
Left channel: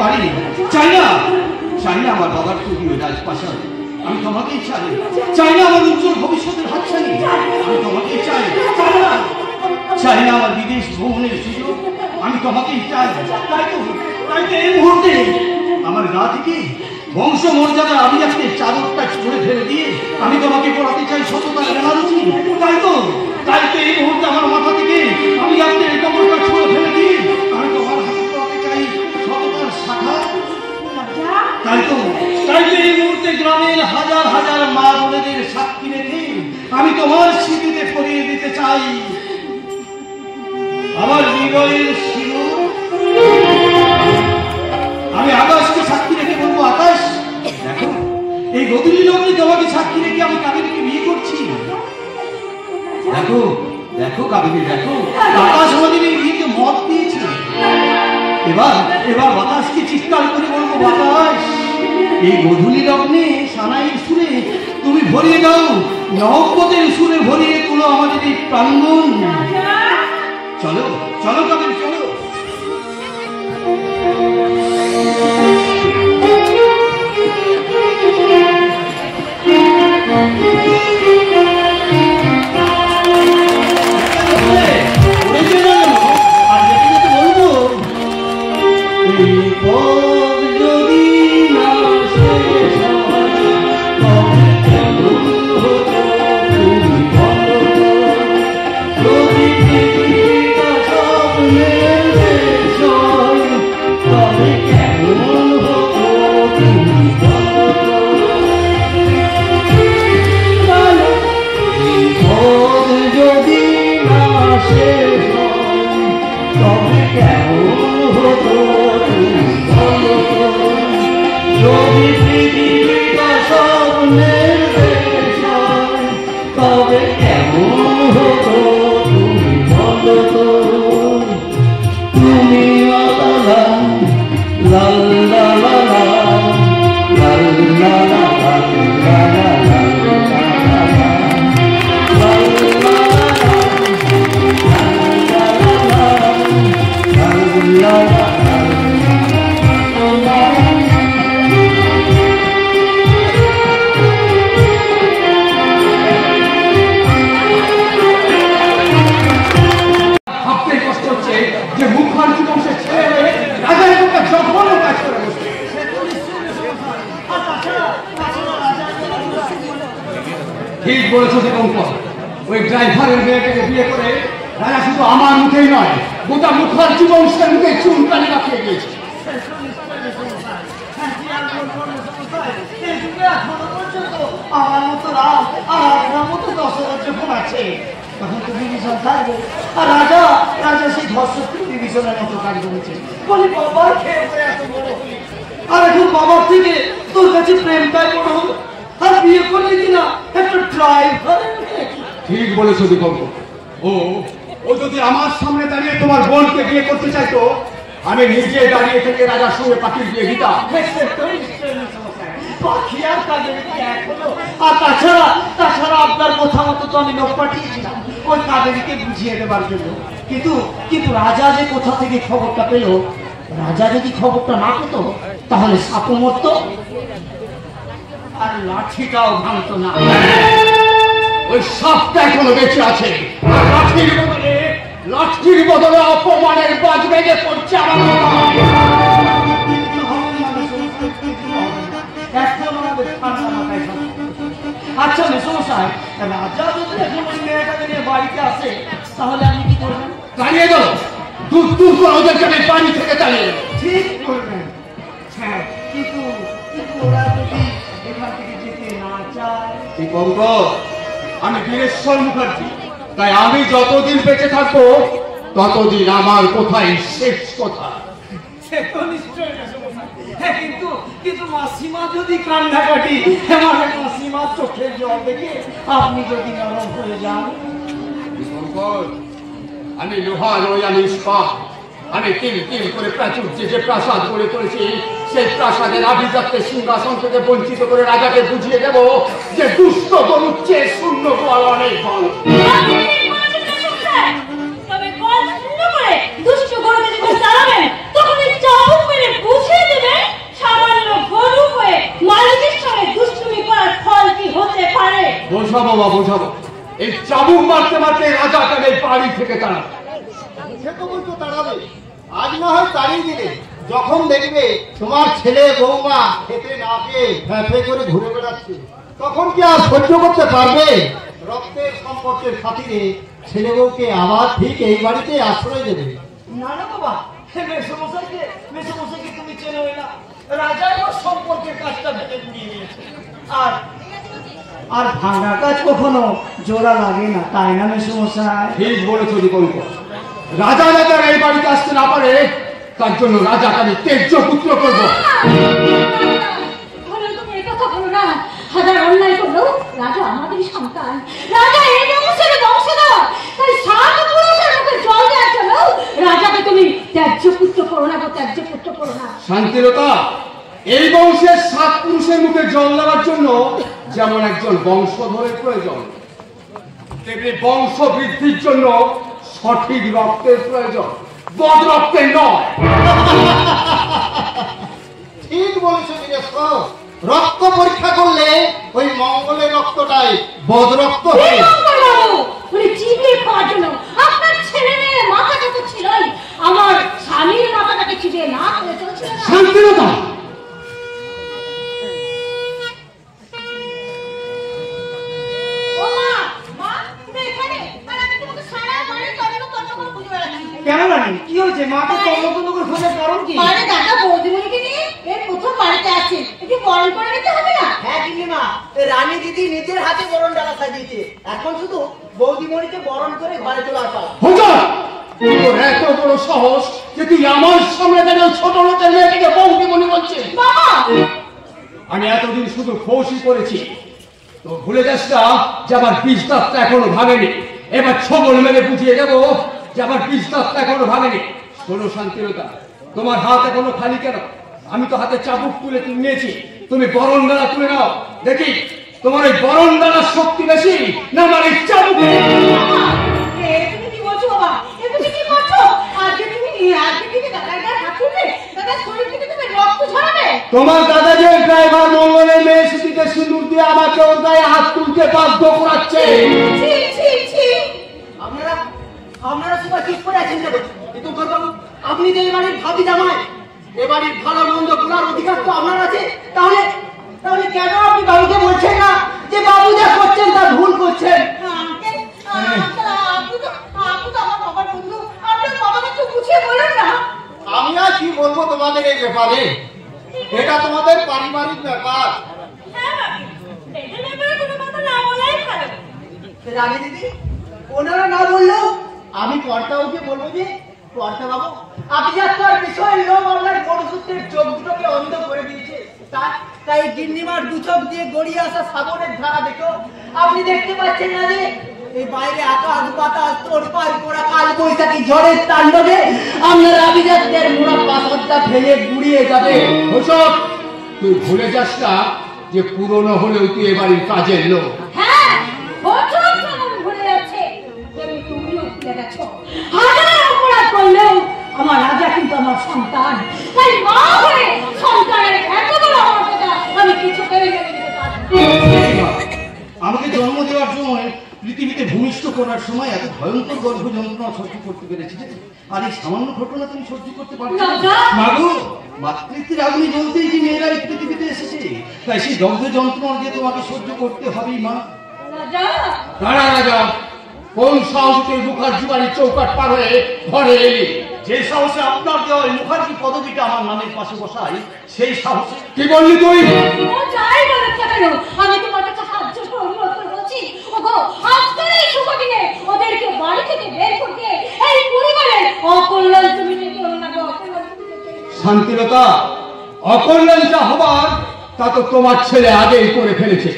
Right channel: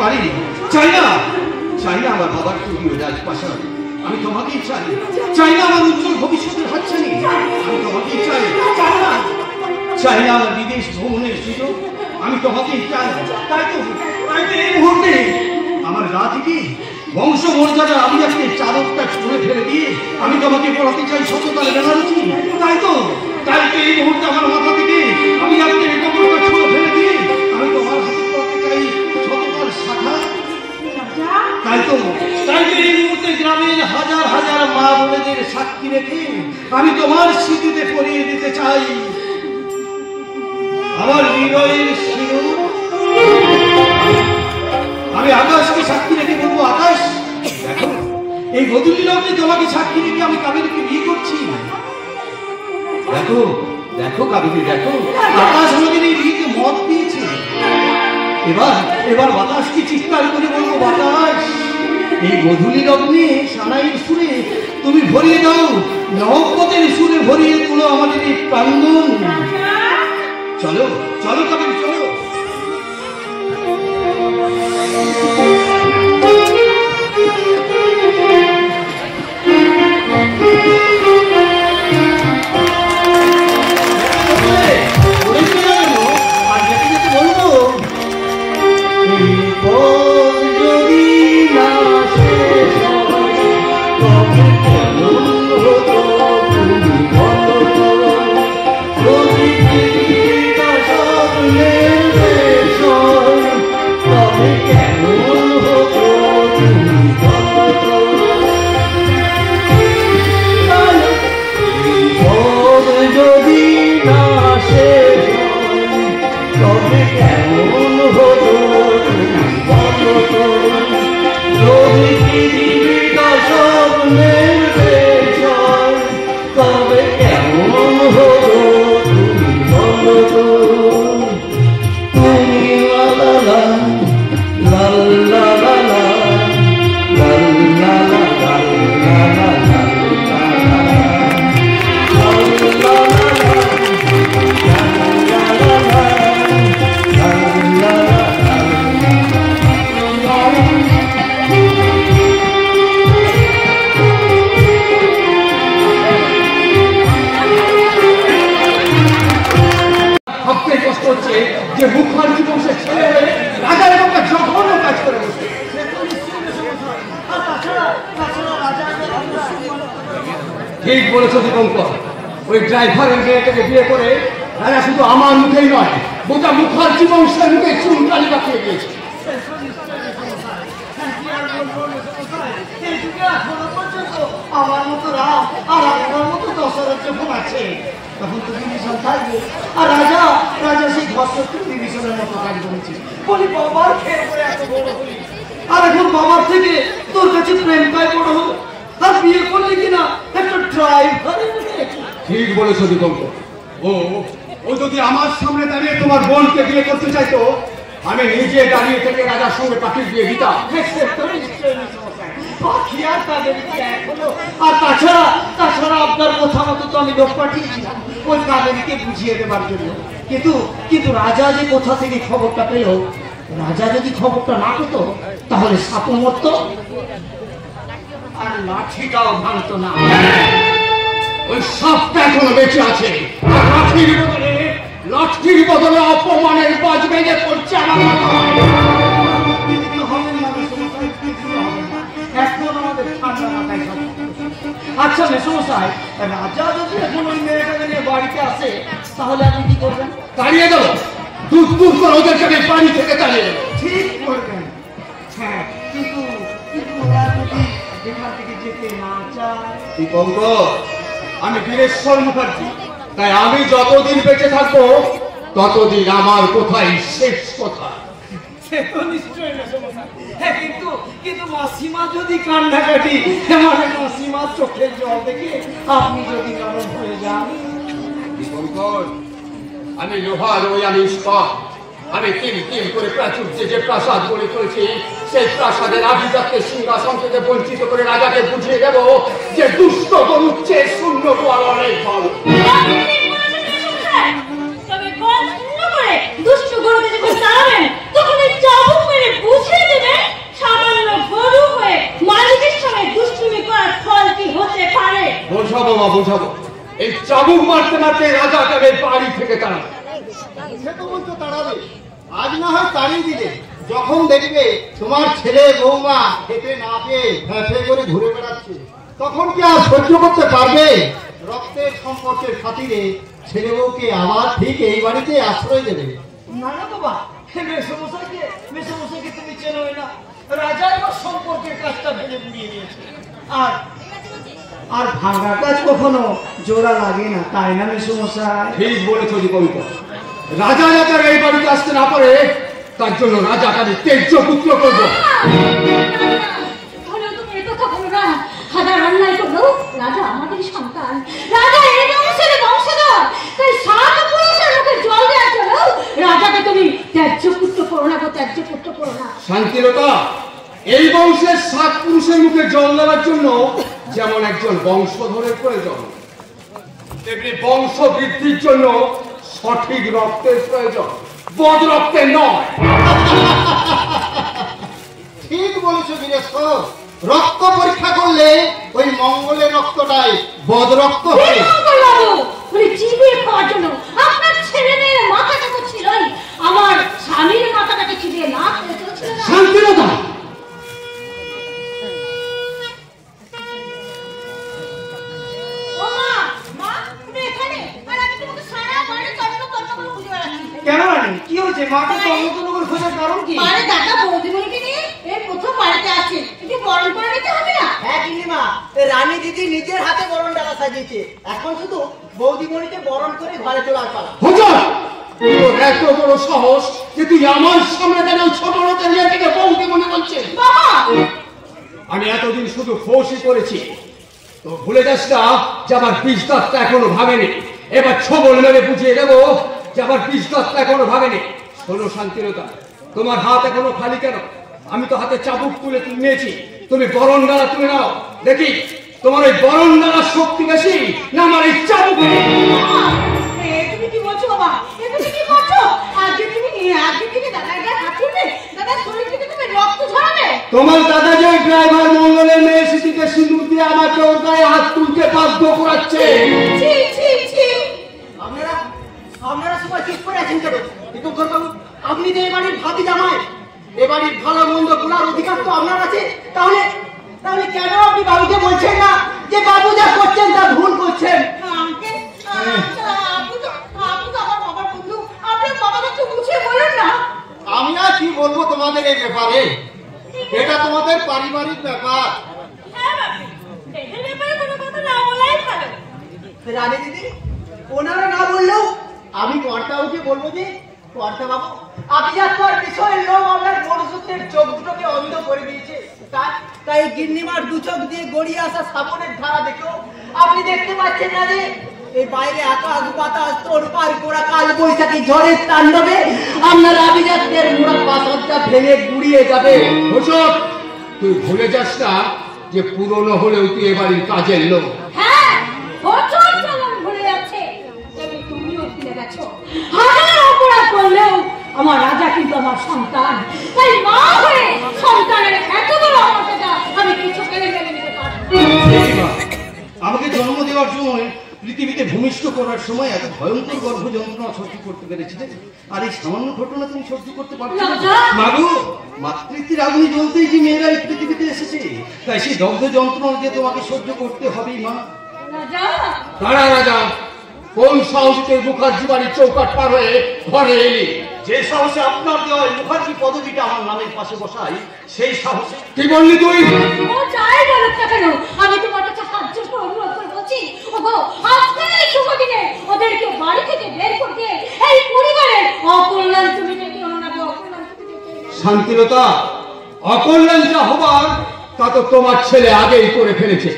পারি চাই না আমার বাবার টুপিও রাজপ্রাসাদ। আমি তোমাকেই চাই না আমার উজ্জ্বল ভবিষ্যতের হাতছানি। আমি তোমাকেই চাই না আমার বিদেশ ভ্রমণের সুযোগ। আমি তোমাকেই চাই। তাই তো এই মুহূর্তে আমার গা থেকে বংশ মর্যাদা আমি আজকে চাদরটা ছুঁড়ে ফেলে দিয়ে আমি তোমাকে পড়াতে চাই সততার জানাচ্ছি। তাই তো এই মুহূর্তে আমার মাথা থেকে আমি আজকে এই কবরটা ছুঁড়ে ফেলে দিয়ে আমি তোমার হাতে পড়াতে চাই সততার শাখা। তাই তো এই মুহূর্তে গ্রামের হাজার হাজার মা বোনেদের সাক্ষী রেখে আমি তোমার স্মৃতিতে পরিয়ে দিতে চাই আমার হৃদয়ের শিরোর। আমি আকাশকে সাক্ষী রেখে বলবো, আকাশ দেখো এই গধূলি লগ্নে তোমাকে সাক্ষী রেখে আমি কাবেরীকে বিয়ে করছি। দেখো কাবেরী, দেখো আকাশ আমাদের এই বিয়েতে মত দিয়েছে। এবার এবার বাতাসকে চিৎকার করে বলবো, বাতাস এই গধূলি লগ্নে সানাইয়ের সুরে তুমি ভরিয়ে দাও, নবপদের সুরে ভরিয়ে তুলো আমাদের এই প্রাঙ্গণ। চলো চলো তবে চলো। ঠিক বলেছো দীপঙ্কর, ওই ড্রাইভারের মেয়েটাকে বিয়ে করে রাজা শুধু আমার মুখেই নয়, গোটা মুখার্জি বংশের মুখে চুনকালি পাঠিয়ে দিয়েছে। আমার মতো রাম আর আপনার মতো দশরথ যখন আছে তখন তো বিভীষণ থাকবে। আর রাজা রাজা সেই ধর্ষত্রী বিভীষণের মতো কাজ করেছে বলি বাবার খেয়ে করে এত বড় হলি, আর এখন বাবার থেকে তোর কাছে প্রেমটাই বড় হলো, আর বিয়ে করলে কিনা একটা ড্রাইভারের। ঠিক বলেছো দীপঙ্কর, ও যদি আমার সামনে দাঁড়িয়ে তোমার বোনকে বিয়ে করতে চাইতো, আমি নিজে দাঁড়িয়ে থেকে রাজার সঙ্গে পাখির বিয়ে দিতাম। পাখি আর কাজের এক হলো। আর তাছাড়া তাছাড়া আপনার কথা মতো তো আমি লোক পাঠিয়েছিলাম ওই কাজেরকে বুঝিয়ে দেবার জন্য, কিন্তু কিন্তু রাজা যে কোথা থেকে খবরটা পেল, রাজা যদি খবরটা না পেতো তাহলে সাপও মরত আর লাঠিটাও ভাঙতো না। ওই সাপটা এখনো বেঁচে আছে, লাঠির বদলে অপমানের বাজ বেজে পড়ছে আমার। আচ্ছা মেসমশাই, রাজা যদি এখন ওই মেয়েটাকে নিয়ে বাড়িতে আসে তাহলে আপনি কি করবেন? তাড়িয়ে দাও, দূর দূর করে ওদেরকে বাড়ি থেকে তাড়িয়ে দেবো। ঠিক করবেন। হ্যাঁ, কিন্তু কিন্তু ওরা যদি এখান থেকে যেতে না চায়। দীপঙ্কর, আমি বীরেশ্বর মুখার্জি, তাই আমি যতদিন বেঁচে থাকবো ততদিন আমার কোথায় শেষ কথা। সে তো নিশ্চয়ই মেসমশাই। হ্যাঁ, কিন্তু কিন্তু মাসিমা যদি কান্নাকাটি, মানে মাসিমা চোখের জল দেখে আপনি যদি নরম হয়ে যান। দীপঙ্কর, আমি লোহার ওই আমি ইস্পাত, আমি তিল তিল করে প্রাচুর্যে যে প্রাসাদ গড়ে করেছি, সেই প্রাসাদের আভিজাত্যের সিংহাসন থেকে বঞ্চিত করে রাজাকে বুঝিয়ে দেব যে দুষ্ট গরুর চেয়ে শূন্য গোয়াল অনেক বড়। তবে কল শূন্য করে দুষ্ট গরুকে যখন তাড়াবেন তখন ওই চাবুক মেরে বুঝিয়ে দেবে সামান্য গরু হয়ে মালিকের সঙ্গে দুষ্টুমি করার ফল কি হতে পারে। বোঝাবো বা বোঝাবো, এই চাবুক মারতে মারতে রাজাকে আমি বাড়ি থেকে তাড়াবো। সে তো বলতো তাড়াবে, আজ না হয় তাড়িয়ে দিলে, যখন দেখবে তোমার ছেলে বৌমা খেতে না পেয়ে ফ্যাফে করে ঘুরে বেড়াচ্ছে তখন কি আর সহ্য করতে পারবে? রক্তের সম্পর্কের খাতিরে ছেলে বউকে আবার ঠিক এই বাড়িতে আশ্রয় দেবে। না না বাবা, মেসমশাইকে তুমি চেনো না, রাজা আমার সম্পর্কের কাজটা ভেঙে ঘুরিয়ে দিয়েছে। আর আর ভাঙা কাজ কখনো জোড়া লাগে না, তাই না মেসমশাই? ঠিক বলেছ দীপঙ্কর, রাজা যাতে এই বাড়িতে আসতে না পারে তার জন্য রাজাকে আমি তেজ্য পুত্র করবো। তুমি এ কথা বলো না, হাজার অন্যায় করলো রাজা আমাদেরই সন্তান, রাজা এই বংশের বংশধর, তাই সাত পুরুষের মুখে জল দেওয়ার জন্য রাজাকে তুমি ত্যায্য পুত্র করো না গো, ত্যায্য শান্তিলতা, এই বংশের 7 পুরুষের মুখে জল দেওয়ার জন্য যেমন একজন বংশধরের প্রয়োজন, তেমনি বংশ বৃদ্ধির জন্য সঠিক রক্তের প্রয়োজন, বদ রক্তের নয়। ঠিক বলেছো বীরেশ, রক্ত পরীক্ষা করলে ওই মঙ্গলের রক্তটাই বদ রক্ত হয়। মানে চিবিয়ে খাওয়ার জন্য আপনার ছেলে মেয়ের মাথাটা তো ছিলই, আমার স্বামীর মাথাটাকে চিবিয়ে না শান্তিলতা, কেন রানী, কি হয়েছে? মাকে সমতল করে খোঁজার কারণ কি? আরে দাদা বৌদিমণিকে নিয়ে এই প্রথম বাড়িতে আছে, একটু বরণ করে নিতে হবে না? হ্যাঁ গিন্নিমা, রানী দিদি নিজের হাতে বরণ ডালা সাজিয়েছে, এখন শুধু বৌদিমণিকে বরণ করে ঘরে তোলার পালা। হুজুর, তোর এত বড় সাহস যে তুই আমার সামনে যেন ছোট লোকের মেয়েটিকে বৌদি মনে করছিস? আমি এতদিন শুধু ফৌসি করেছি, তো ভুলে যাস না যে আমার 20 দাঁতটা এখনো ভাঙেনি। এবার ছবল মেরে বুঝিয়ে দেবো যে আমার 20 দাঁতটা এখনো ভাঙেনি। শোনো শান্তিলতা, তোমার হাত এখনো খালি কেন? আমি তো হাতে চাবুক তুলে নিয়েছি, তুমি বরণ ডালা তুলে নাও, দেখি তোমার ওই বরণ ডালার শক্তি বেশি না আমার এই চাবুক। তুমি কি বলছো বাবা? তুমি কি করছো? আজকে থেকে দাদার গায়ে হাত তুলবে, দাদার শরীর থেকে তুমি রক্ত ঝরাবে। তোমার দাদা যে ড্রাইভার মঙ্গলের মেয়ে সিটিতে সিঁদুর দিয়ে আমাকে ওর গায়ে হাত তুলতে বাধ্য করাচ্ছে। ছি ছি ছি, আপনারা সবাই চুপ করে আছেন কেন? বাবু, আপনি যে এই বাড়ির ভাবি জামাই, এ বাড়ির ভালো মন্দ বলার অধিকার তো আপনার আছে। তাহলে তাহলে কেন আপনি বাবুকে বলছেন না যে বাবু যা করছেন তা ভুল করছেন? আঙ্কেল, আপনি তো আমার বাবার বন্ধু, আপনার বাবাকে একটু বুঝিয়ে বলেন না। আমি আর কি বলবো তোমাদের এই ব্যাপারে, এটা তোমাদের পারিবারিক ব্যাপার। রানী দিদি, ওনারা না বললেও আমি কর্তাবাবুকে বলবো যে কর্তা বাবু, আপনি যা তার বিষয়ের লোক আপনার বড় সূত্রের চোখ দুটোকে অমিত করে দিয়েছে। তাই গিন্নিমার 2 চোখ দিয়ে গড়িয়ে আসা শ্রাবণের ধারা দেখো আপনি দেখতে পাচ্ছেন না যে এই বাইরে আকাশ বাতাস তোড়পাড় করা কাল বৈশাখী ঝড়ের তাণ্ডবে আপনার আভিজাত্যের মোড়া পাথরটা ভেঙে গুড়িয়ে যাবে। ওসব তুই ভুলে যাস না যে পুরনো হলেও তুই এবারের কাজের লোক। হ্যাঁ, বছর যেমন ভুলে যাচ্ছে, তুমিও ভুলে গেছো। হাজার অপরাধ করলেও আমার রাজা কিন্তু আমার সন্তান, তাই মা হয়ে সন্তানের এত বড় মর্যাদা আমি কিছু কেড়ে নিতে পারবো না। আমাকে জন্ম দেওয়ার জন্য পৃথিবীতে ভূমিষ্ঠ করার সময় এত ভয়ঙ্কর গর্ভ যন্ত্রণা সহ্য করতে পেরেছি, আর এই সামান্য ঘটনা তুমি সহ্য করতে পারছো না? মাগো, মাতৃত্বের আগুনে জ্বলতেই যে মেয়েরা এই পৃথিবীতে এসেছে, তাই সেই দগ্ধ যন্ত্রণা দিয়ে তোমাকে সহ্য করতে হবেই মা। দাঁড়া রাজা, কোন সাহসে তুই মুখার্জি বাড়ির চৌকাট পার হয়ে ঘরে এলি? যে সাহসে আপনার দেওয়া মুখার্জি পদবিটা আমার নামের পাশে বসাই, সেই সাহসে। কি বললি তুই? ও যাই বলুক না কেন, আমি তোমার কাছে হাত জোড় করে অনুরোধ করে বলছি, ওগো আজকে এই শুভ দিনে ওদেরকে বাড়ি থেকে বের করতে এই পরিবারের অকল্যাণ তুমি ডেকে ওনাকে অকল্যাণ তুমি ডেকে। শান্তিলতা, অকল্যাণ যা হবার তা তো তোমার ছেলে আগেই করে ফেলেছে।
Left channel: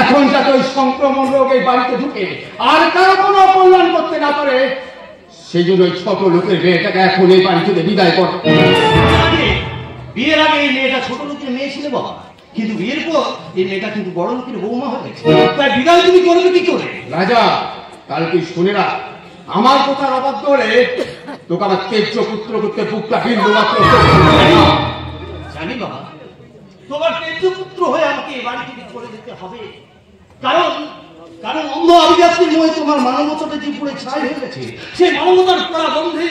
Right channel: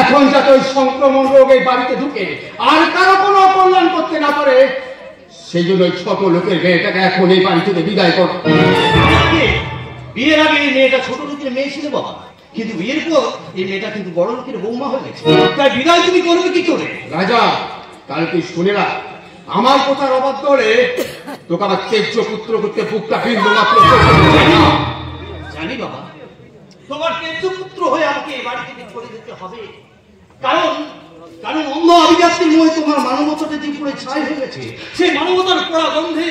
এখন যাতে ওই সংক্রমণ রোগ এই বাড়িতে ঢুকে আর কারো কোনো অকল্যাণ করতে না পারে, সেই জন্য ওই ছোট লোকের মেয়েটাকে এখন এই বাড়ি থেকে বিদায় কর। বিয়ের আগে এই মেয়েটা ছোট লোকের মেয়ে ছিল বাবা, কিন্তু বিয়ের পর এই মেয়েটা কিন্তু বড় লোকের বৌমা হয়ে গেছে। তার বিদায় তুমি করবে কি করে? রাজা, কাল তুই শুনে রাখ, আমার কথা অবাধ্য হলে তোকে আমার তেজ্য পুত্র করতে বুকটা বিন্দু মাত্র। জানি বাবা, তোমার তেজ্য পুত্র হয়ে আমাকে এই বাড়ি থেকে করে দিতে হবে, কারণ কারণ অন্ধ অভিজাতির মোহে তোমার মানবতাটা যে পুরো ছাই হয়ে গেছে, সেই মানবতার পোড়া গন্ধে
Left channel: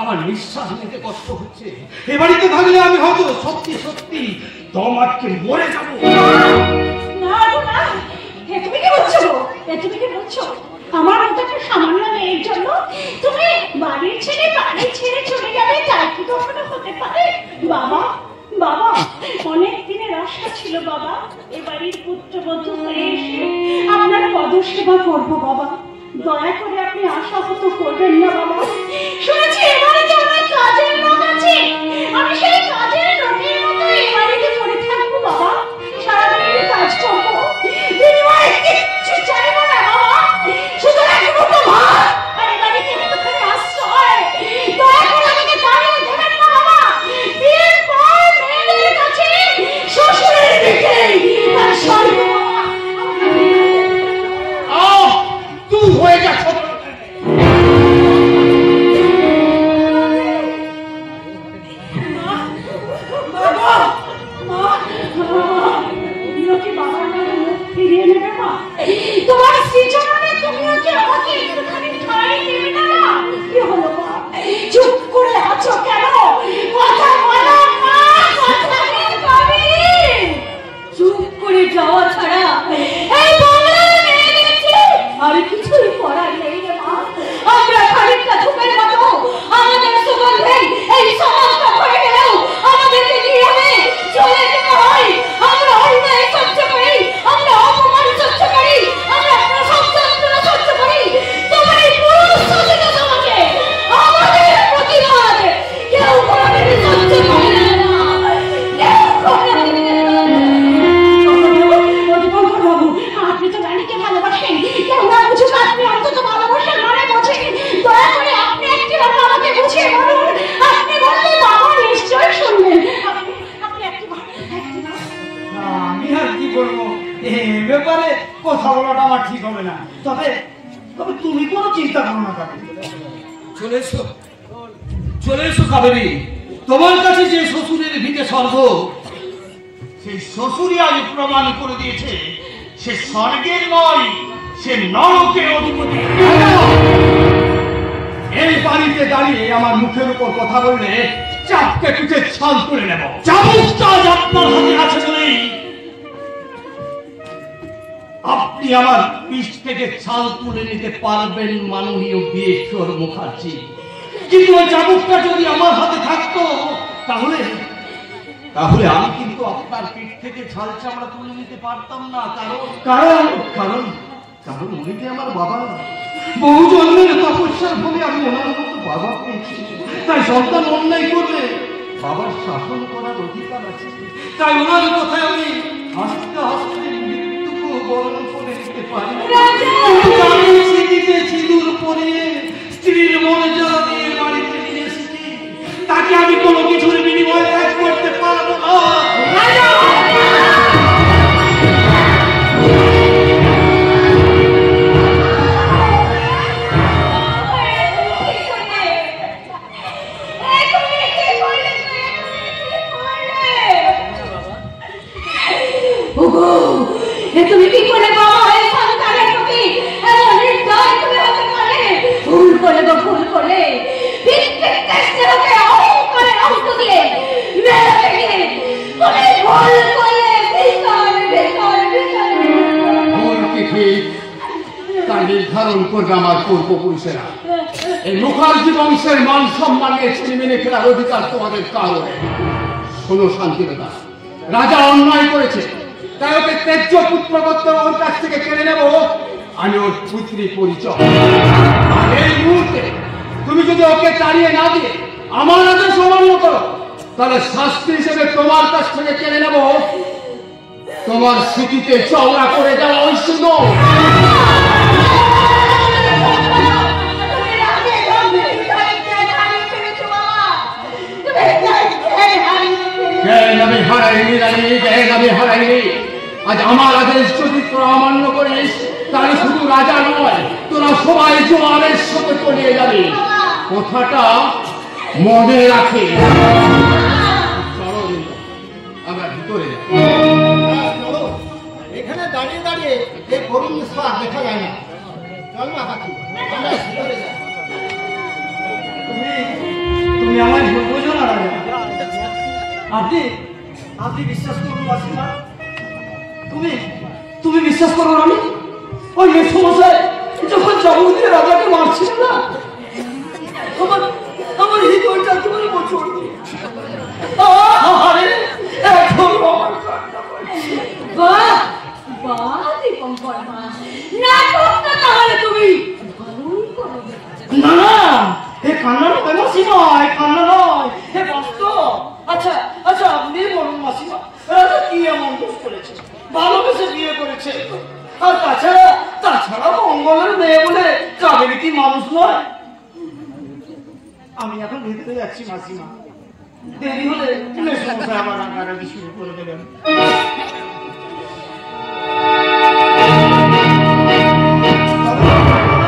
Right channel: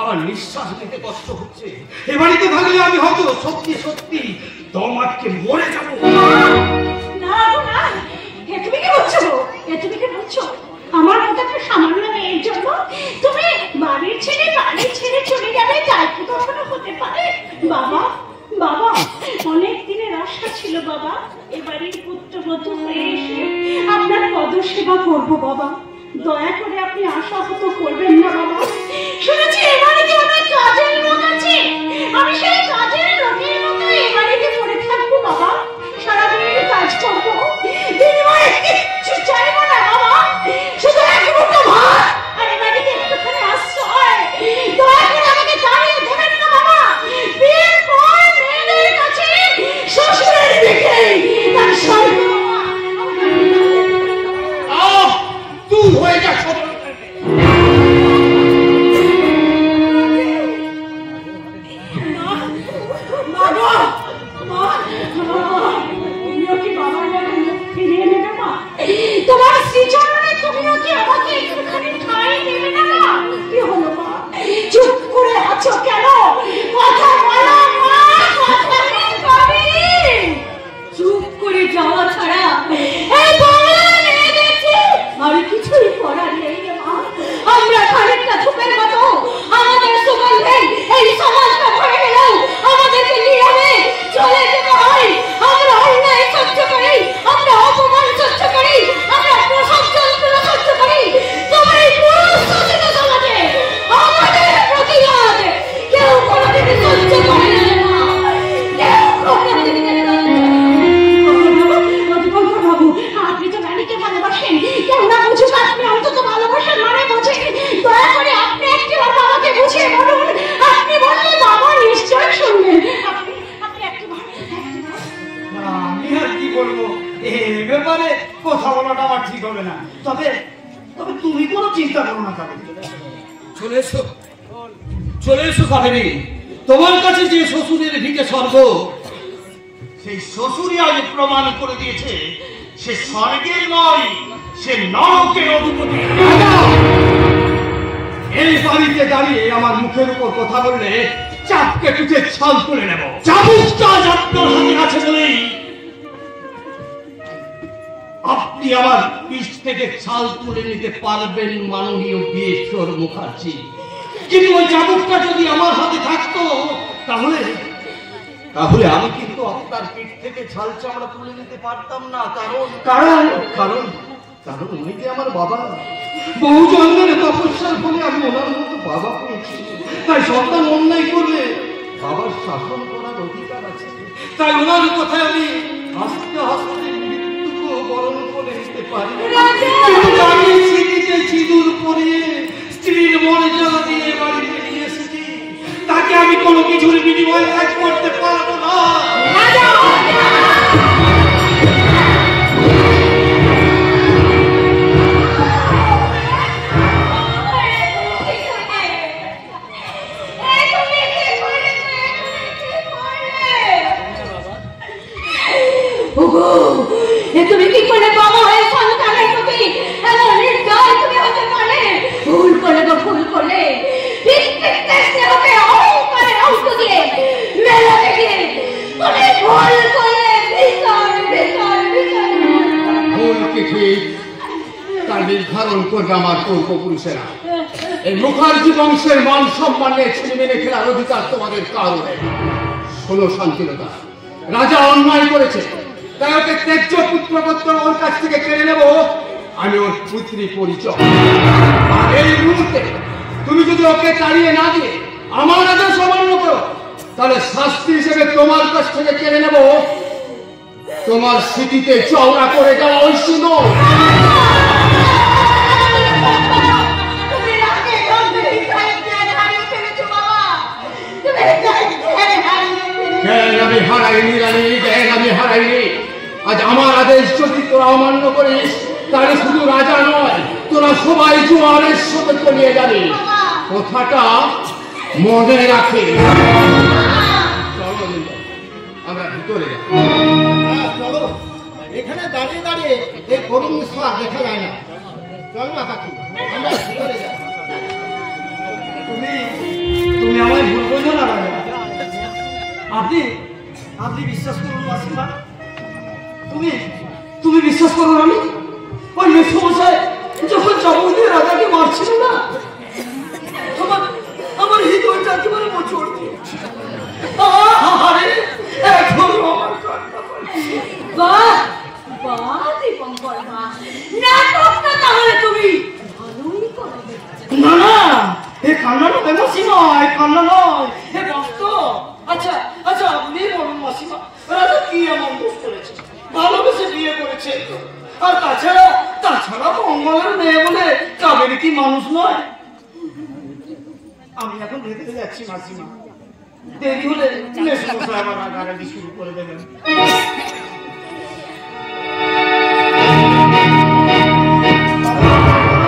আমার নিঃশ্বাস নিতে কষ্ট হচ্ছে। এ বাড়িতে থাকলে আমি হয়তো সত্যি সত্যি দম আটকে মরে যাবো। না গো না, এ তুমি কি বলছো? এ তুমি কি বলছো? আমার মতো একটা সামান্য মেয়ের জন্য তুমি বাড়ির ছেড়ে চলে যাবে, তাই কি কখনো হতে পারে? বাবা বাবা, অনেক দিনের আশা ছিল বাবা, এ বাড়ির পুত্রবধূ হয়ে এসে আপনার পদসেবা করবো বাবা। দয়া করে আপনি আশাহত করবেন না বাবা। শুনেছি এ বাড়িতে অনেক কাজের লোক আছে, আমি সেই কাজের লোকের মতো এ বাড়িতে পড়ে থাকবো বাবা, সারাদিন কাজ করবো, বিনিময়ে কিচ্ছু চাইবো না বাবা, শুধু এক মুঠো ভাত আর এ বাড়িতে একটুখানি আশ্রয়। দয়া করে আমাকে জানিয়ে দেবেন না বাবা, বিয়ের পর ঠিক হবে না। তবে তবে তুমি কোনো চিন্তা করো না কাবেরী। চলে এসো কাবেরী। তোমার কাছে যে শ্বশুরের ভিটে স্বর্গ, সেই শ্বশুরই আজ প্রমাণ করে দিয়েছে সে স্বর্গের নয়, সে নরকের অধিপতি। এই বাড়িতে দাঁড়িয়ে আমার মুখের উপর কথা বললে চাপকে পিঠে ছাল তুলে নেব। চাবুক কাজ আপনার হাতে আছে বলেই আপনি আমার পিঠ থেকে ছাল তুলে নিতে পারবেন মাননীয় বীরেশ্বর মুখার্জি। কিন্তু ওই চাবুকটা যদি আমার হাতে থাকতো তাহলে তাহলে আমি কিন্তু আপনার পিঠ থেকে ছাল চামড়া তুলে নিতে পারতাম না। কারণ কারণ কারণ উনি যে আমার বাবা, বহু জন্মের তপস্যার ফলে আমি ওনার মতো বাবা পেয়েছি। তাই সন্তান অন্যায় করলে বাবার শাসন করার অধিকার আছে। তাই ওনার কথায় আমি আস্তে আস্তে মৃত্যুকে বরণ করে নিতে পারি। কিন্তু আমি স্মৃতিতে সিঁদুর পরিয়ে স্ত্রীর মর্যাদা দিয়ে বাড়িতে নিয়ে এসেছি। তাকে আমি কোনো কিছুর বিনিময়ে ত্যাগ করতে পারবো না। তুমি কি করে বাবা হয়ে সন্তানের প্রতি এমন নির্দয় তুমি হতে পারলে? ভুল করে গো, ভুল করে অঙ্ক দিয়ে মেলাতে গিয়ে তুমি ভুল করে ভুল কি ঠিক তা নির্ধারণ করবে আমার পূর্বপুরুষেরা। এই মুখার্জি বংশের মান সম্মানের ছিনিয়ে মেনে ফেলার অধিকার তোমাদের কারো নেই। শোনো শান্তিলতা, রাজা অন্যায় করেছে, তাই ওকে তেজ্য পুত্রগত্য ওর কাছ থেকে কেড়ে নেব আমি ওর পুত্রী পরিচয়। আর এই মুহূর্তে তুমি যদি ওকে তাড়িয়ে না দিয়ে আমার আদেশ অমান্য করো, তাহলে শাস্তি হিসেবে তোমার কাছ থেকে কেড়ে নেব তোমার স্মৃতিতে চওড়া করে দেওয়া ওই সুন্দর। আমি হারাইনি রানী, আমি হারাইনি। আজ আমার আদেশ যদি তোরা অমান্য করিস তাহলে শুধু রাজা নয়, তোরা সবাই জোয়ারের সাথে তলিয়ে যাবি। কথাটা মনে রাখে। চলো আমরা ভিতরে যাই। চলো, এখানে দাঁড়িয়ে দাঁড়িয়ে এই করুণ স্বাদ দেখা যায় না। চল না কাকু, আমরা ভিতরে যাই। তুমি আমার ভুল বোঝো না রাজা। আপনি আপনি বিশ্বাস করুন মাসিমা, তুমি বিশ্বাস করুন, আমি ওই মেসমশাই যখন চাবুক দিয়ে রাজাকে মারছিল না, আমার হৃদয়টা একেবারে মোচড় দিয়েছে। আরে এখন আমার কান্না পাচ্ছে। বাহ বাহ দীপঙ্কর বাহ, নাটকটা তাহলে তুমি ভালোই করবে। না না, এ কান্না নয় মাসিমা, এ কান্না নয়, এ বাস্তব। আচ্ছা আচ্ছা, আপনি বলুন মাসিমা, রাজা কি এমন দোষ করেছে? ভালোবেসে বিয়ে করেছে। আর তাছাড়া মঙ্গলের মেয়ে বলে কাবেরী কি মানুষ নয়? আমি এখন ভেতরে যাচ্ছি মাসিমা, দেরি হলে মেসমশাই আবার রাগারাগি শুরু করে দেবেন।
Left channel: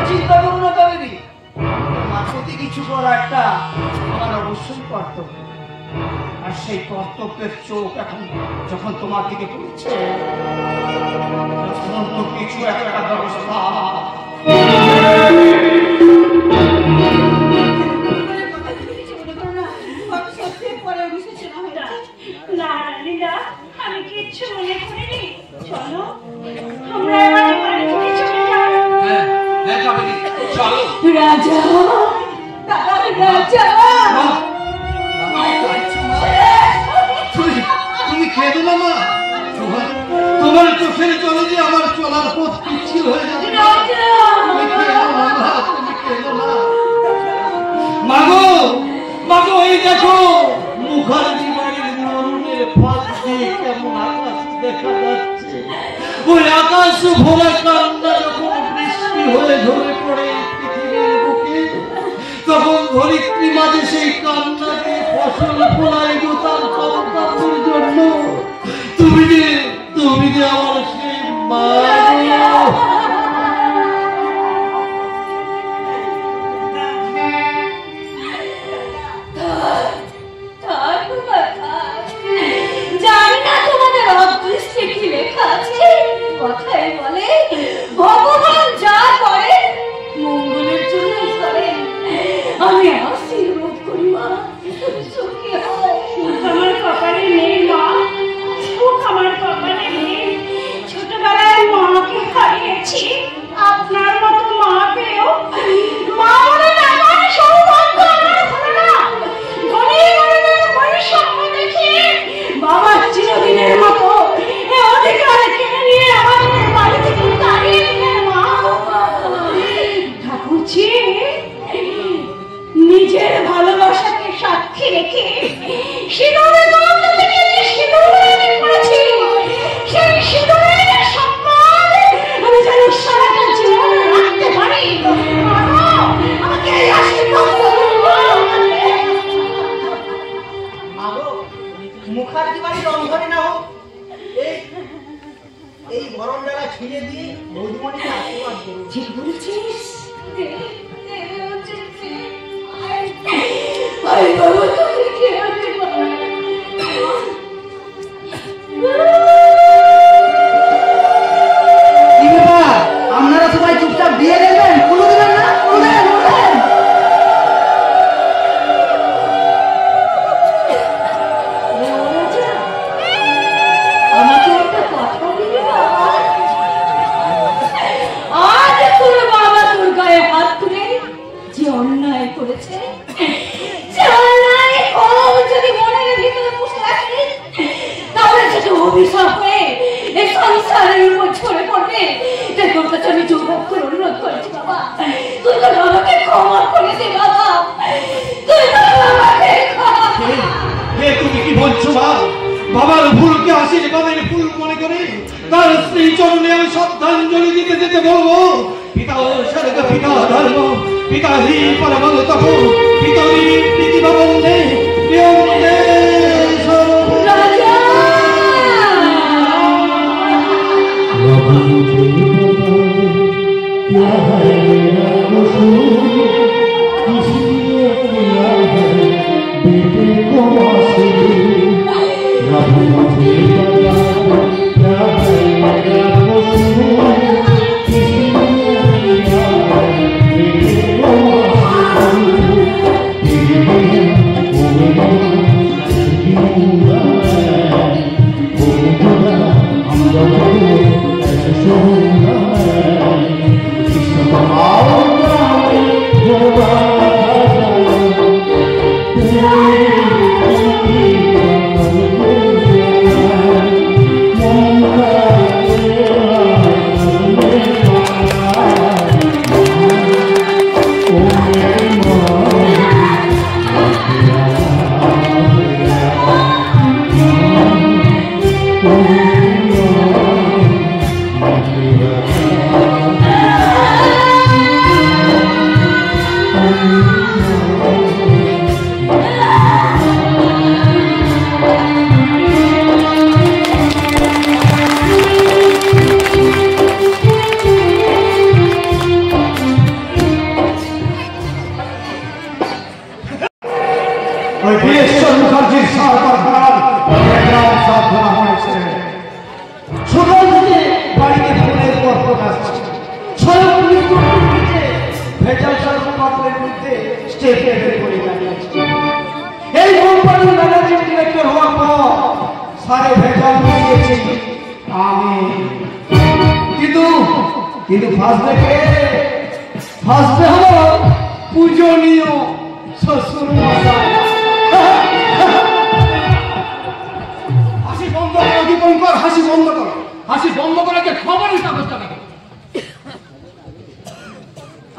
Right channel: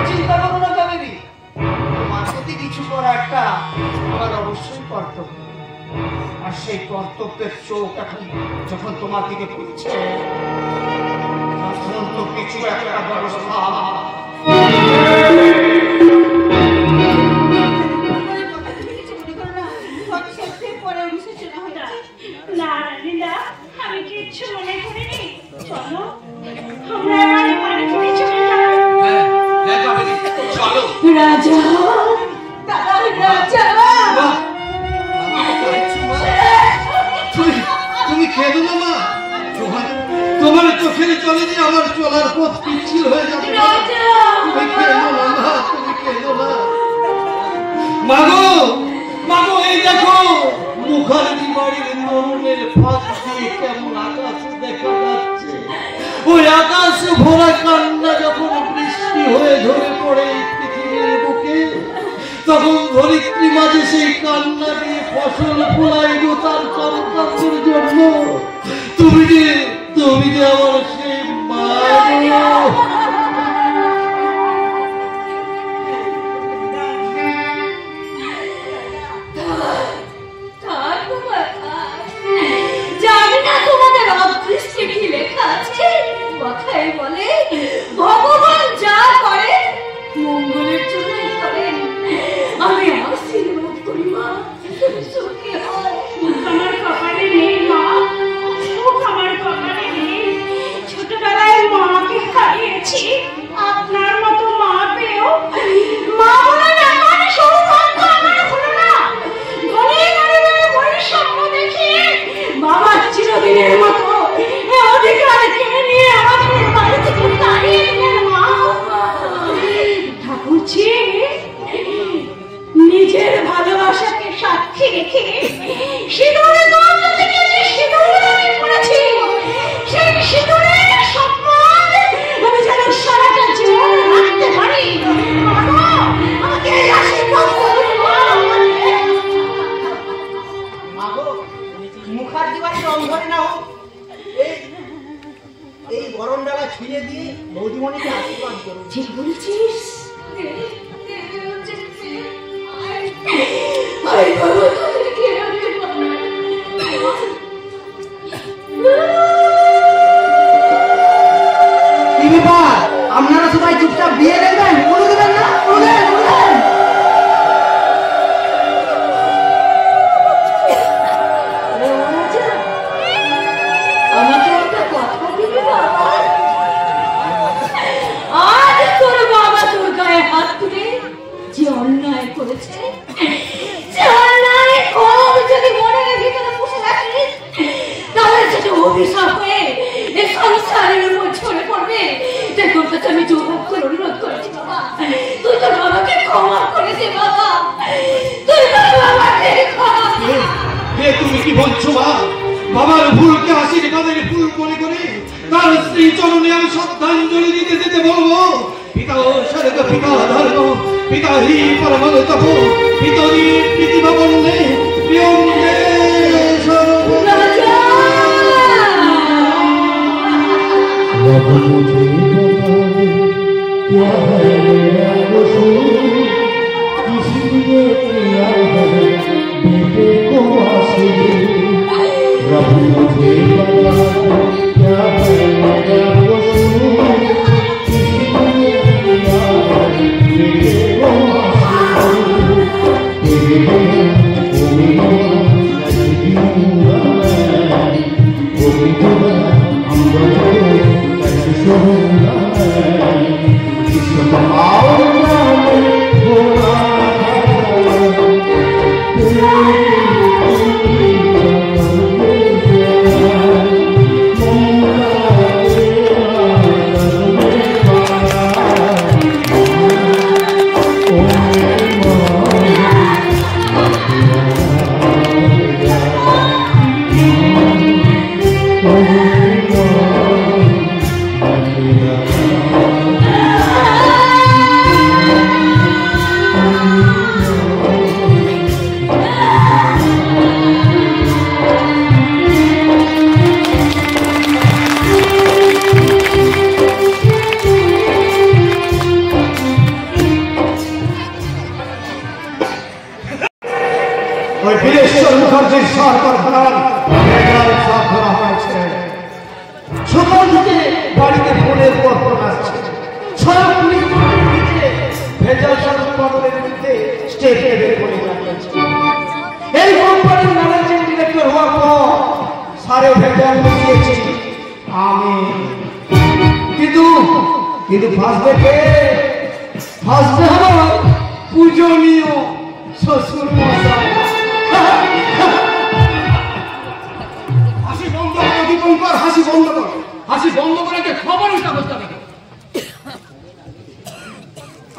চিন্তা করো না কাবেরী, তোমার প্রতি কিছু করা একটা আমার অবশ্যই কর্তব্য। আর সেই কর্তব্যের চোখ এখন যখন তোমার দিকে পড়ছে, কিছু একটা ব্যবস্থা না লীলা, আমি কিচ্ছু মনে করিনি। চলো আমরা এবার বাড়ি চলে যাই। চলো। রাজা রাজা, তুমি খেলো না মা, তোমার চোখের জলে যে আমার চলার পথ পিচ্ছিল হয়ে যাবে। তুমি খেলো না মা, তুমি খেলো না। মাগো মাগো, এই দেখো মুখার্জি বাড়ির নরমের ফাঁক দিয়ে কেমন আকাশ দেখা যাচ্ছে। ওই আকাশ ভরা কান্না যখন বৃষ্টি হয়ে ঝরে পড়ে পৃথিবীর বুকে, তখন ধরিত্রী মাঝে সেই কান্না দিয়ে ফসল ফোলাই তার সন্তানদের জন্য। তুমি যে আমার সেই মা। মুখার্জি বাড়ি রং ধরে না হোক, এই গরম ডালা ছুঁয়ে দিয়ে বৌদিমণিকে আশীর্বাদ করুন। ঠিক বলছিস। কি ব্যাপার, আপনারা সবাই চুপচাপ দিয়ে দেবেন, কোনো দেবেন না? আমাকে একটা কথা দিবি বাবা? আজ তোর বাবা তোর গায়ে হাত তুলে যে অন্যায় করেছে, যে অন্যায় যদি মনের ভিতরে বসে রাখিস, তাহলে সেটা অভিশাপ হয়ে এই সংসারের উপর ঝরে পড়বে। তাই তোর কাছে আমি জোর করে অনুরোধ করেছি বাবা, তুই তোর বাবাকে ক্ষমা করে দে বাবা, তুই তোর বাবাকে ক্ষমা করে দে। তুমি কি বলছো মা? বাবার ভুলকে আশীর্বাদের ভুল মনে করে তার স্ত্রী চরণে আমি শ্রদ্ধাঞ্জলি দিতে যেতে বলবো। পিতা স্বর্গ, পিতা ধর্ম, পিতা হি পরমল তপ, পিতরি প্রীতিবা বন্দে প্রিয়ন্দে কিন্তু ফাঁসবে কে? ফাঁসবে হলো পূজনীয় শ্বশুর মশাই। হাসি বন্ধ করো দীপঙ্কর, হাসি বন্ধ করো। হাসি বন্ধ করে খবরের কাগজটা দেখো।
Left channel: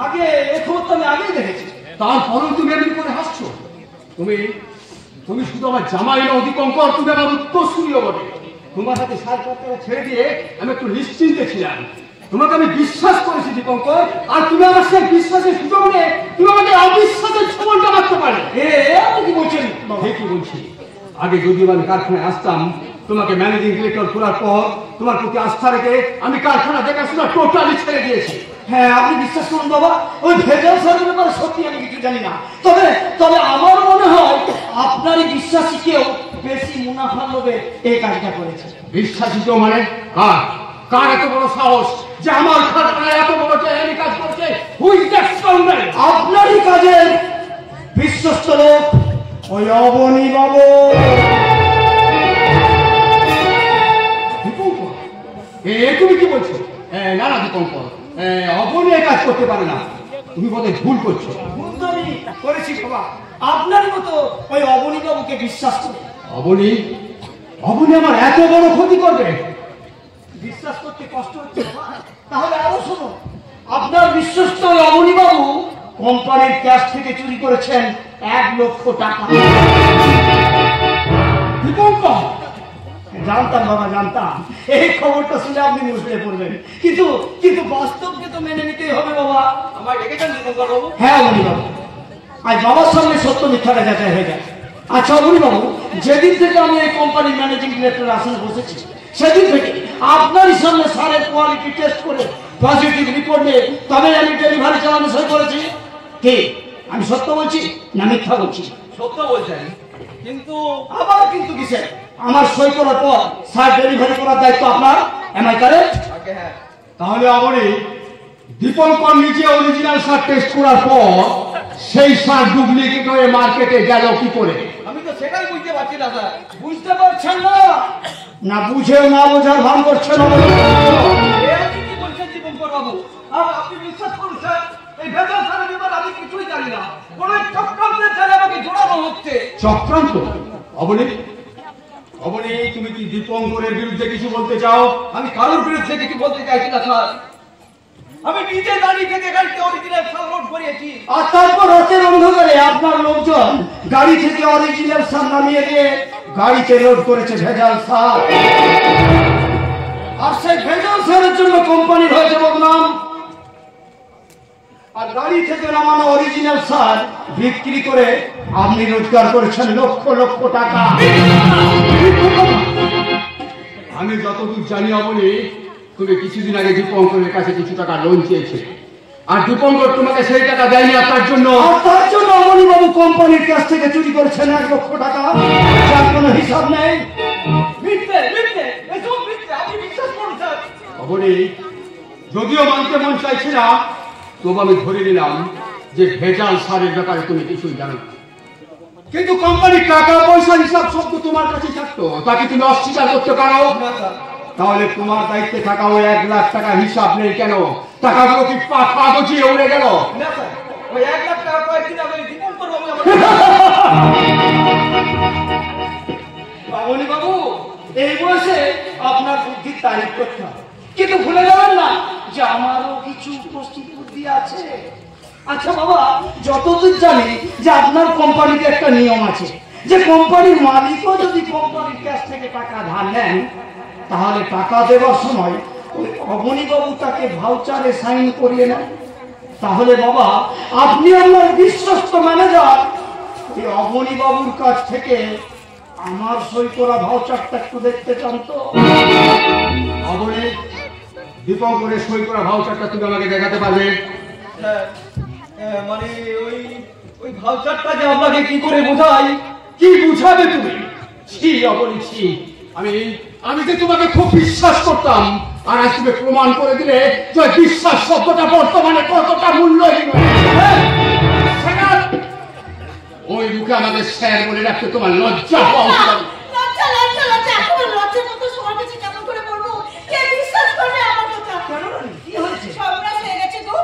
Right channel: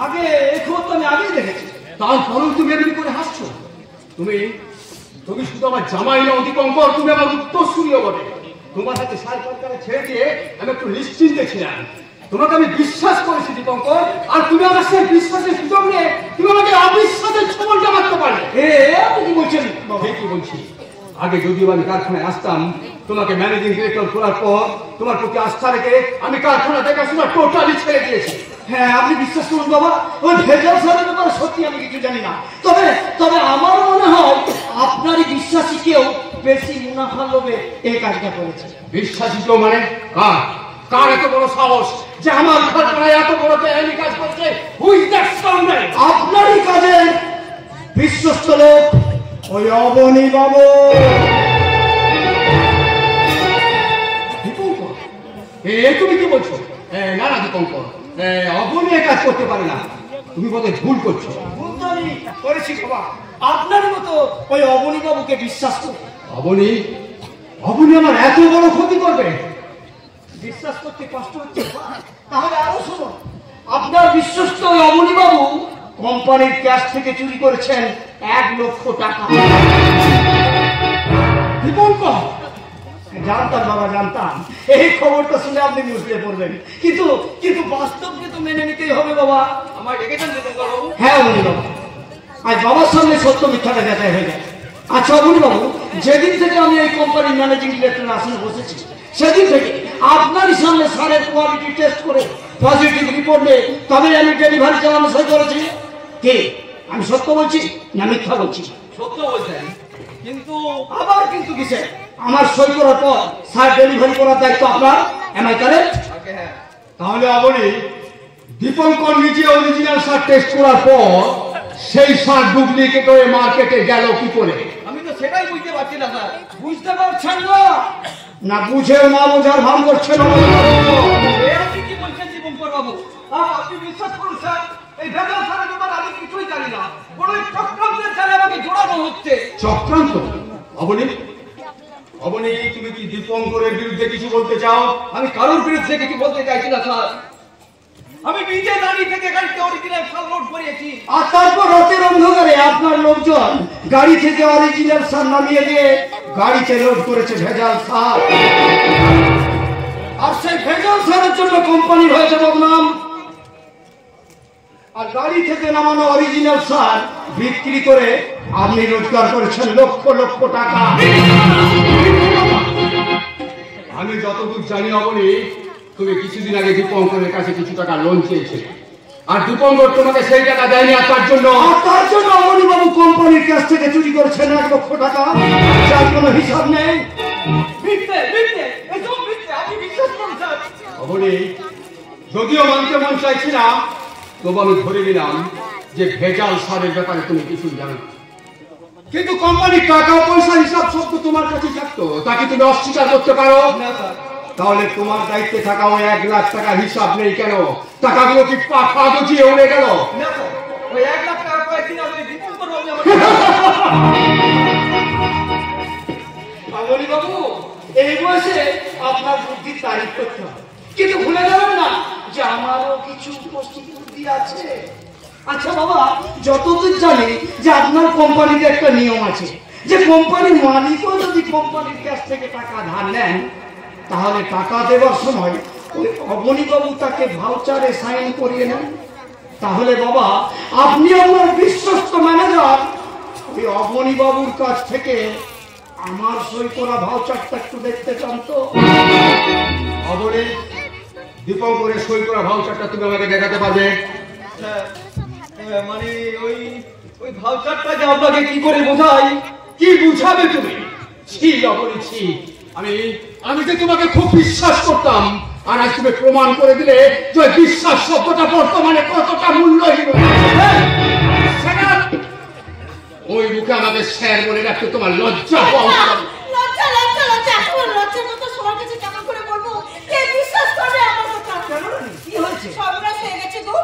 আগে এই খবর তো আমি আগেই দেখেছি। তারপরেও তুমি এমনি করে হাসছো। তুমি শুধু আমার জামাই নও দীপঙ্কর, তুমি আমার উত্তরসূরিও বটে। তোমার হাতে সার ছেড়ে দিয়ে আমি একটু নিশ্চিন্তে ছিলাম। তোমাকে আমি বিশ্বাস করেছি দীপঙ্কর, আর তুমি আমার সেই বিশ্বাসের সুযোগ নিয়ে তুমি আমাকে অবিশ্বাসের ছবলটা মারতে পারে। আপনি কি বলছেন? ঠিকই বলছি। আগে যদিও আমি কারখানায় আসতাম, তোমাকে ম্যানেজিং ডিরেক্টর করার পর তোমার প্রতি আস্থা রেখে আমি কারখানা দেখাশোনা টোটালি ছেড়ে দিয়েছি। হ্যাঁ, আপনি বিশ্বাস করুন বাবা, ওই ভেজাল সারের ব্যাপারে সত্যি আমি কিছু জানি না। তবে আমার মনে হয় আপনারই বিশ্বাসী কেউ বেশি মুনাফা লোভে এই কাজটা করেছে। বিশ্বাসী কেউ মানে কার এত বড় সাহস যে আমার কারখানায় এত বড় এই কাজ করছে? Who is that scoundrel? আপনারই কাজে বিশ্বস্ত লোক ওই অবনী বাবু। দীপঙ্কর, তুমি কি বলছো? না না দীপঙ্কর, অবনী কাজ করতে পারে না। তুমি বোধহয় ভুল করছো। ভুল তো আমি করেছি বাবা, আপনার মতো ওই অবনী বাবুকে বিশ্বাস করি। অবনী আমার এত বড় ক্ষতি করবে? বিশ্বাস করতে কষ্ট হচ্ছে বাবা, তাহলে আরো শুনুন। আপনার বিশ্বস্ত ওই অবনী বাবু কোম্পানির ক্যাশ থেকে চুরি করেছেন 1 লক্ষ টাকা। দীপঙ্কর, জানতাম বাবা, জানতাম এই খবরটা শুনে আপনি মুশকিলে পড়বেন, কিন্তু বাস্তবকে তো মেনে নিতেই হবে বাবা। আমার ডেকেছেন দীপঙ্কর বাবু? হ্যাঁ অবনী বাবু, আজ বাবার সঙ্গে সত্য মিথ্যাটা যাচাই হয়ে যায়। আচ্ছা অবনী বাবু, যেদিন থেকে আমি এই কোম্পানির ম্যানেজিং ডিরেক্টর আসনে বসেছি সেদিন থেকে আপনারই সামনে সারের কোয়ালিটি টেস্ট করে পজিটিভ রিপোর্ট নিয়ে তবে আমি ডেলিভারি চালানো শুরু করেছি। কি আমি সত্য বলছি না মিথ্যা বলছি? সত্য বলছেন, কিন্তু আবার কিন্তু কিসে? আমার সই করার পর সার ডেলিভারি করার দায়িত্ব আপনার। Am I correct? হ্যাঁ। তাহলে আপনি দীপঙ্কর নিজে অরিজিনাল সার টেস্ট করার পর সেই সার ডুপ্লিকেট হয়ে মার্কেটে গেল কি করে? আমি তো সেটাই বুঝতে পারছি না স্যার। বুঝতে পারছেন না? না বুঝে না বোঝার ভান করছেন। এ আপনি কি বলছেন দীপঙ্কর বাবু? আর আপনি বিশ্বাস করুন স্যার, এই ভেজাল সারের ব্যাপারে আমি কিছুই জানি না। কোন চক্রান্তের জালে আমাকে জোড়ানো হচ্ছে। চক্রান্ত? অবনী, অবনী, তুমি কি দীপঙ্করের বিরুদ্ধে কিছু বলতে চাও? আমি কারোর বিরুদ্ধে কিছু বলতে চাইছি না স্যার। আমি নিজে দাঁড়িয়ে থেকে গাড়িতে অরিজিনাল সার লোড করিয়েছি। আর তারপর রাতের অন্ধকারে আপনার লোকজন গাড়ি থেকে অরিজিনাল সার নামিয়ে দিয়ে গাড়িতে লোড করেছে ভেজাল সার। আর সেই ভেজাল সারের জন্য কোম্পানির হয়েছে বদনাম। আর গাড়ি থেকে নামানো অরিজিনাল সার বিক্রি করে আপনি রোজগার করেছেন লক্ষ লক্ষ টাকা। আমি যতদূর জানি অবনী, তুমি কিছুদিন আগে দীপঙ্করের কাছে কিছু টাকা লোন চেয়েছিলে, আর দীপঙ্কর তোমাকে সেই টাকা দেয়নি। আর তার জন্য অমনিবাবু কোম্পানির কাছ থেকে চুরি করেছেন 1 লক্ষ টাকা, যার কোনো হিসাব নেই। মিথ্যে, মিথ্যে, এসব মিথ্যে। আমি বিশ্বাস করুন স্যার। অবনী, যদিও মানতে মন চাইছি না, তবু আমি ধরে নিলাম যে ভেজাল সারের ব্যাপারে তুমি কিছুই জানো না। কিন্তু কোম্পানির টাকা পয়সার হিসাব সব তো তোমার কাছে থাকতো, তাকে তুমি অস্বীকার করতে পারো? তাহলে তোমার দায়িত্বে থাকা ওই 1 লাখ টাকার হিসাব নেই কেন? টাকাগুলো কি পাখা গজিয়ে উড়ে গেল? না স্যার, ওই 1 লাখ টাকা কয়েকদিন আগে দীপঙ্কর বাবু অমনিবাবু, এই বয়সে আপনার বুদ্ধির তারিফ করতে হবে, কিন্তু ভুলে যাবেন না যে আমারও কিছু উপস্থিতি বুদ্ধি আছে। আচ্ছা বাবা, যতদূর জানি যে আপনার কোম্পানিতে একটা নিয়ম আছে যে কোম্পানির মালিকও যদি কোম্পানির কাছ থেকে টাকা ধার নেন তাহলে টাকা দেওয়ার সময় ওই অবনীবাবু তাকে ভাউচারে সাইন করিয়ে নেন। তাহলে বাবা, আপনি আমার বিশ্বস্ত ম্যানেজার, ওই অবনীবাবুর কাছ থেকে আমার সই করা ভাউচারটা একটু দেখতে চান তো? অবনী, দীপঙ্করের সই করা ভাউচারটা তুমি আমাকে দেখাতে পারবে? স্যার, মানে ওই ভাউচারটা যে আপনাকে কি করে বোঝাই? কি বুঝাবে তুমি? ছি অবনী, ছি। আমি যে তোমাকে খুব বিশ্বাস করতাম, আর আজ তুমি প্রমাণ করে দিলে যে বিশ্বাস শব্দটা বর্তমানে কতটা মূল্যহীন। ওই মুখে আমাকে স্যার বলে রাখতে তোমার লজ্জা হওয়া উচিত। লজ্জা লজ্জা লজ্জা, এত লজ্জার মতো সবার কাছে কেমন করে বলবো? কে বিশ্বাস করবে আমার কথা? কি হয়েছে? সর্বনাশ হয়ে গেছে গো।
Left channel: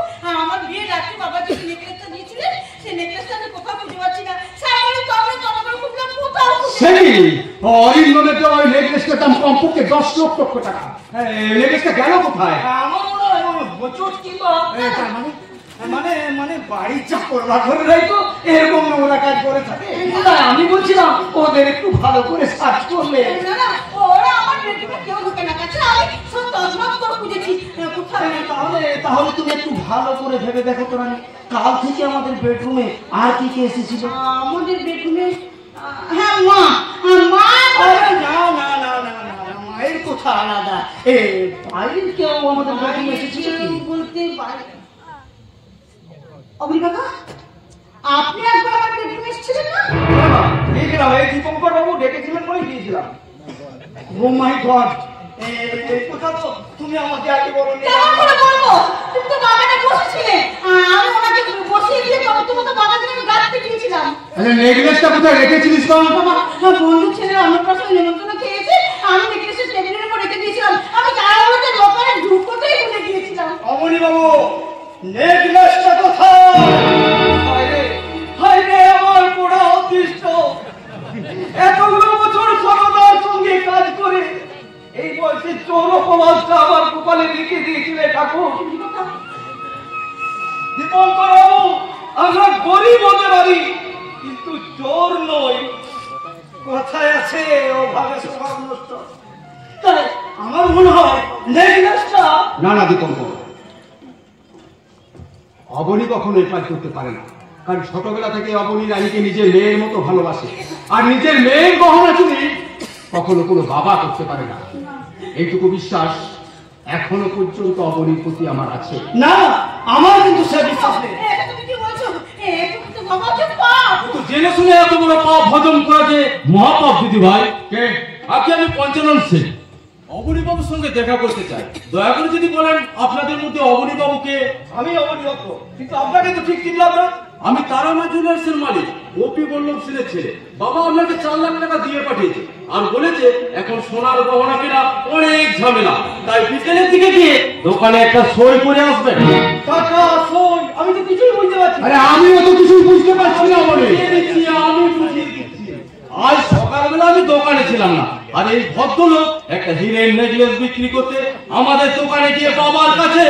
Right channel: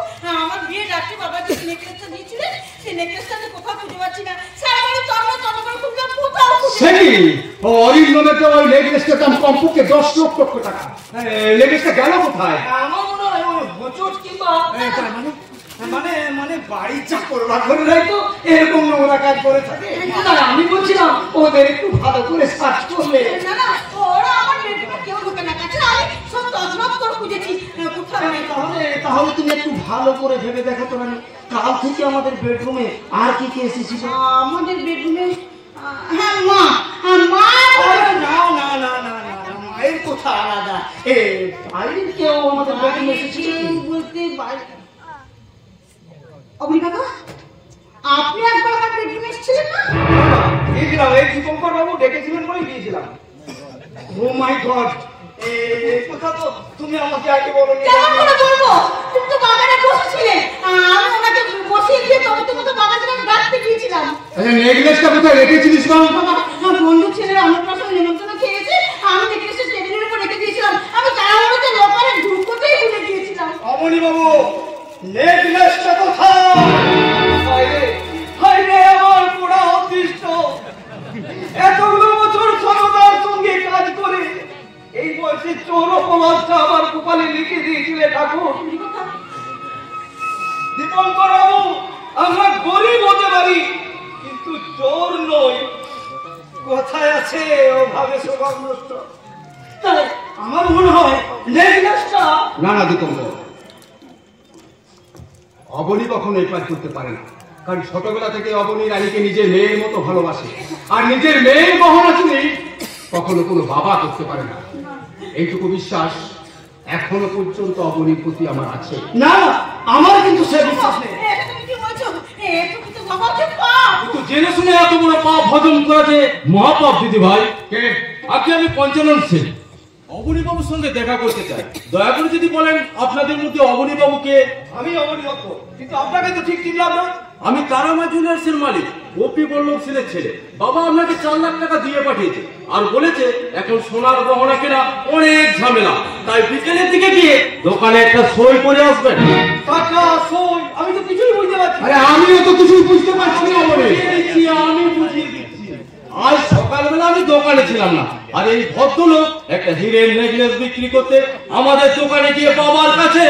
আমার বিয়ে রাত্রে বাবা যে নেকলেসটা দিয়েছিলেন, সেই নেকলেসটা তো কোথাও খুঁজে পাচ্ছি না। স্যার আমাকে তন্ন তন্ন করে খুঁজলাম, কোথাও খুঁজে সেই অরিন্দমের তো ওই নেকলেসটার দাম কমপক্ষে 10 লক্ষ টাকা। নেকলেসটা গেল কোথায়? আমার মনে হয় ওই হোঁচট কিংবা তার মানে মানে বাড়ির চাকর বাকররাই তো এরকম নোংরা কাজ করে থাকে। না, আমি বলছিলাম ওদের একটু ভালো করে সার্চ করলে। না না, ওরা আমার বেডরুমে কেউ ঢুকে না, তাছাড়া আমি সব তছনছ করে খুঁজেছি, কোথাও নেই। তাহলে তুমি একটু ভালো করে ভেবে দেখো তো। আমি কাল থেকে আমাদের বেডরুমে আর কি কি এসেছিল? আমাদের বেডরুমে হ্যাঁ মা, মা। আরে না না না না না না, মায়ের কথা আলাদা। বাইরের কেউ আমাদের বেডরুমে এসেছিল কি? বলতে পারি অবনী বাবা, আপনি একবার আমার বেডরুমে এসেছিলেন না? দিয়েছিলাম, এই দীপঙ্কর বাবু ডেকেছিলেন বলে দিয়েছিলাম। ও মাই গড, এই কথা তো তুমি আমাকে আগে বলোনি। কেমন করে বলবো? তুমি তো বাগানে বসেছিলে, আমি ওনাকে বসিয়ে দিয়ে তবে তো বাগানে আমি গাছতে গিয়েছিলাম। নেকলেসটা কোথায় রেখেছিলিস বল? বন্ধু ছেলের অন্নপ্রাশন নিমন্ত্রণ খেয়েছে, আমি নেকলেসটা টেবিলের উপর রেখে দিয়েছিলাম। আমি তাড়াহুড়োতে দোকানে ঢুকতেই ভুলে গিয়েছিলাম। অমনি বাবু, নেকলেসটা কোথায়? হায়রে আমার পোড়া অদৃষ্ট! এতগুলো বছর সততার সঙ্গে কাজ করে এই বয়সে চোর অপরাধটা আমার কপালে লিখে দিয়েছিলে ঠাকুর। দীপঙ্কর বাবু, আমরা গরিব হতে পারি কিন্তু চোর নই। কোথায় আছে ওভাবে স্বভাব নষ্ট? তাই আমার মনে হয় নেকলেসটা। না না দীপঙ্কর, অবনী কখনো এই কাজ করতে পারে না। কারণ ছোটবেলা থেকে অবনী রানীকে নিজের মেয়ের মতো ভালোবাসে, আর নিজের মেয়ের গহনা চুরি কখনো কোনো বাবা করতে পারে না। এইটুকু বিশ্বাস এখনো পর্যন্ত অবনীর প্রতি আমার আছে। না, আমার কিন্তু সে বিশ্বাস নেই। তুমি কি বলছো? তুমি তো বাবা যে পাপ। তো জেনে শুনে এত বড় পাপ হজম করা যে মহাপাপ দিদি ভাই। কে? আজকে আমি পঞ্চানন সিং অবনীবাবুর সঙ্গে দেখা করতে চাই। দয়া করে যদি বলেন আপনাদের মধ্যে অবনীবাবুকে। আমি অবনীবাবু, কিন্তু আপনাকে তো ঠিক চিনলাম না। আমি তারামা জুয়েলার্সের মালিক গোপী বল্লভ সেনের ছেলে। বাবা আপনাকে 4 লাখ টাকা দিয়ে পাঠিয়েছে, আর বলেছে এখন সোনার গহনা কেনা অনেক ঝামেলা, তাই বিকেলের দিকে গিয়ে দোকানে একটা সই করে আসবেন। টাকা সই আমি তো কিছুই বুঝতে পারছি না। আরে আমিও তো কিছুই বুঝতে পারছি না অবনী। আমি বুঝিয়ে দিচ্ছি। আজ সকালবেলা আমি দোকানে ছিলাম না, আর এই ভদ্রলোক একটা হীরের নেকলেস বিক্রি করতে আমাদের দোকানে গিয়ে বাবার কাছে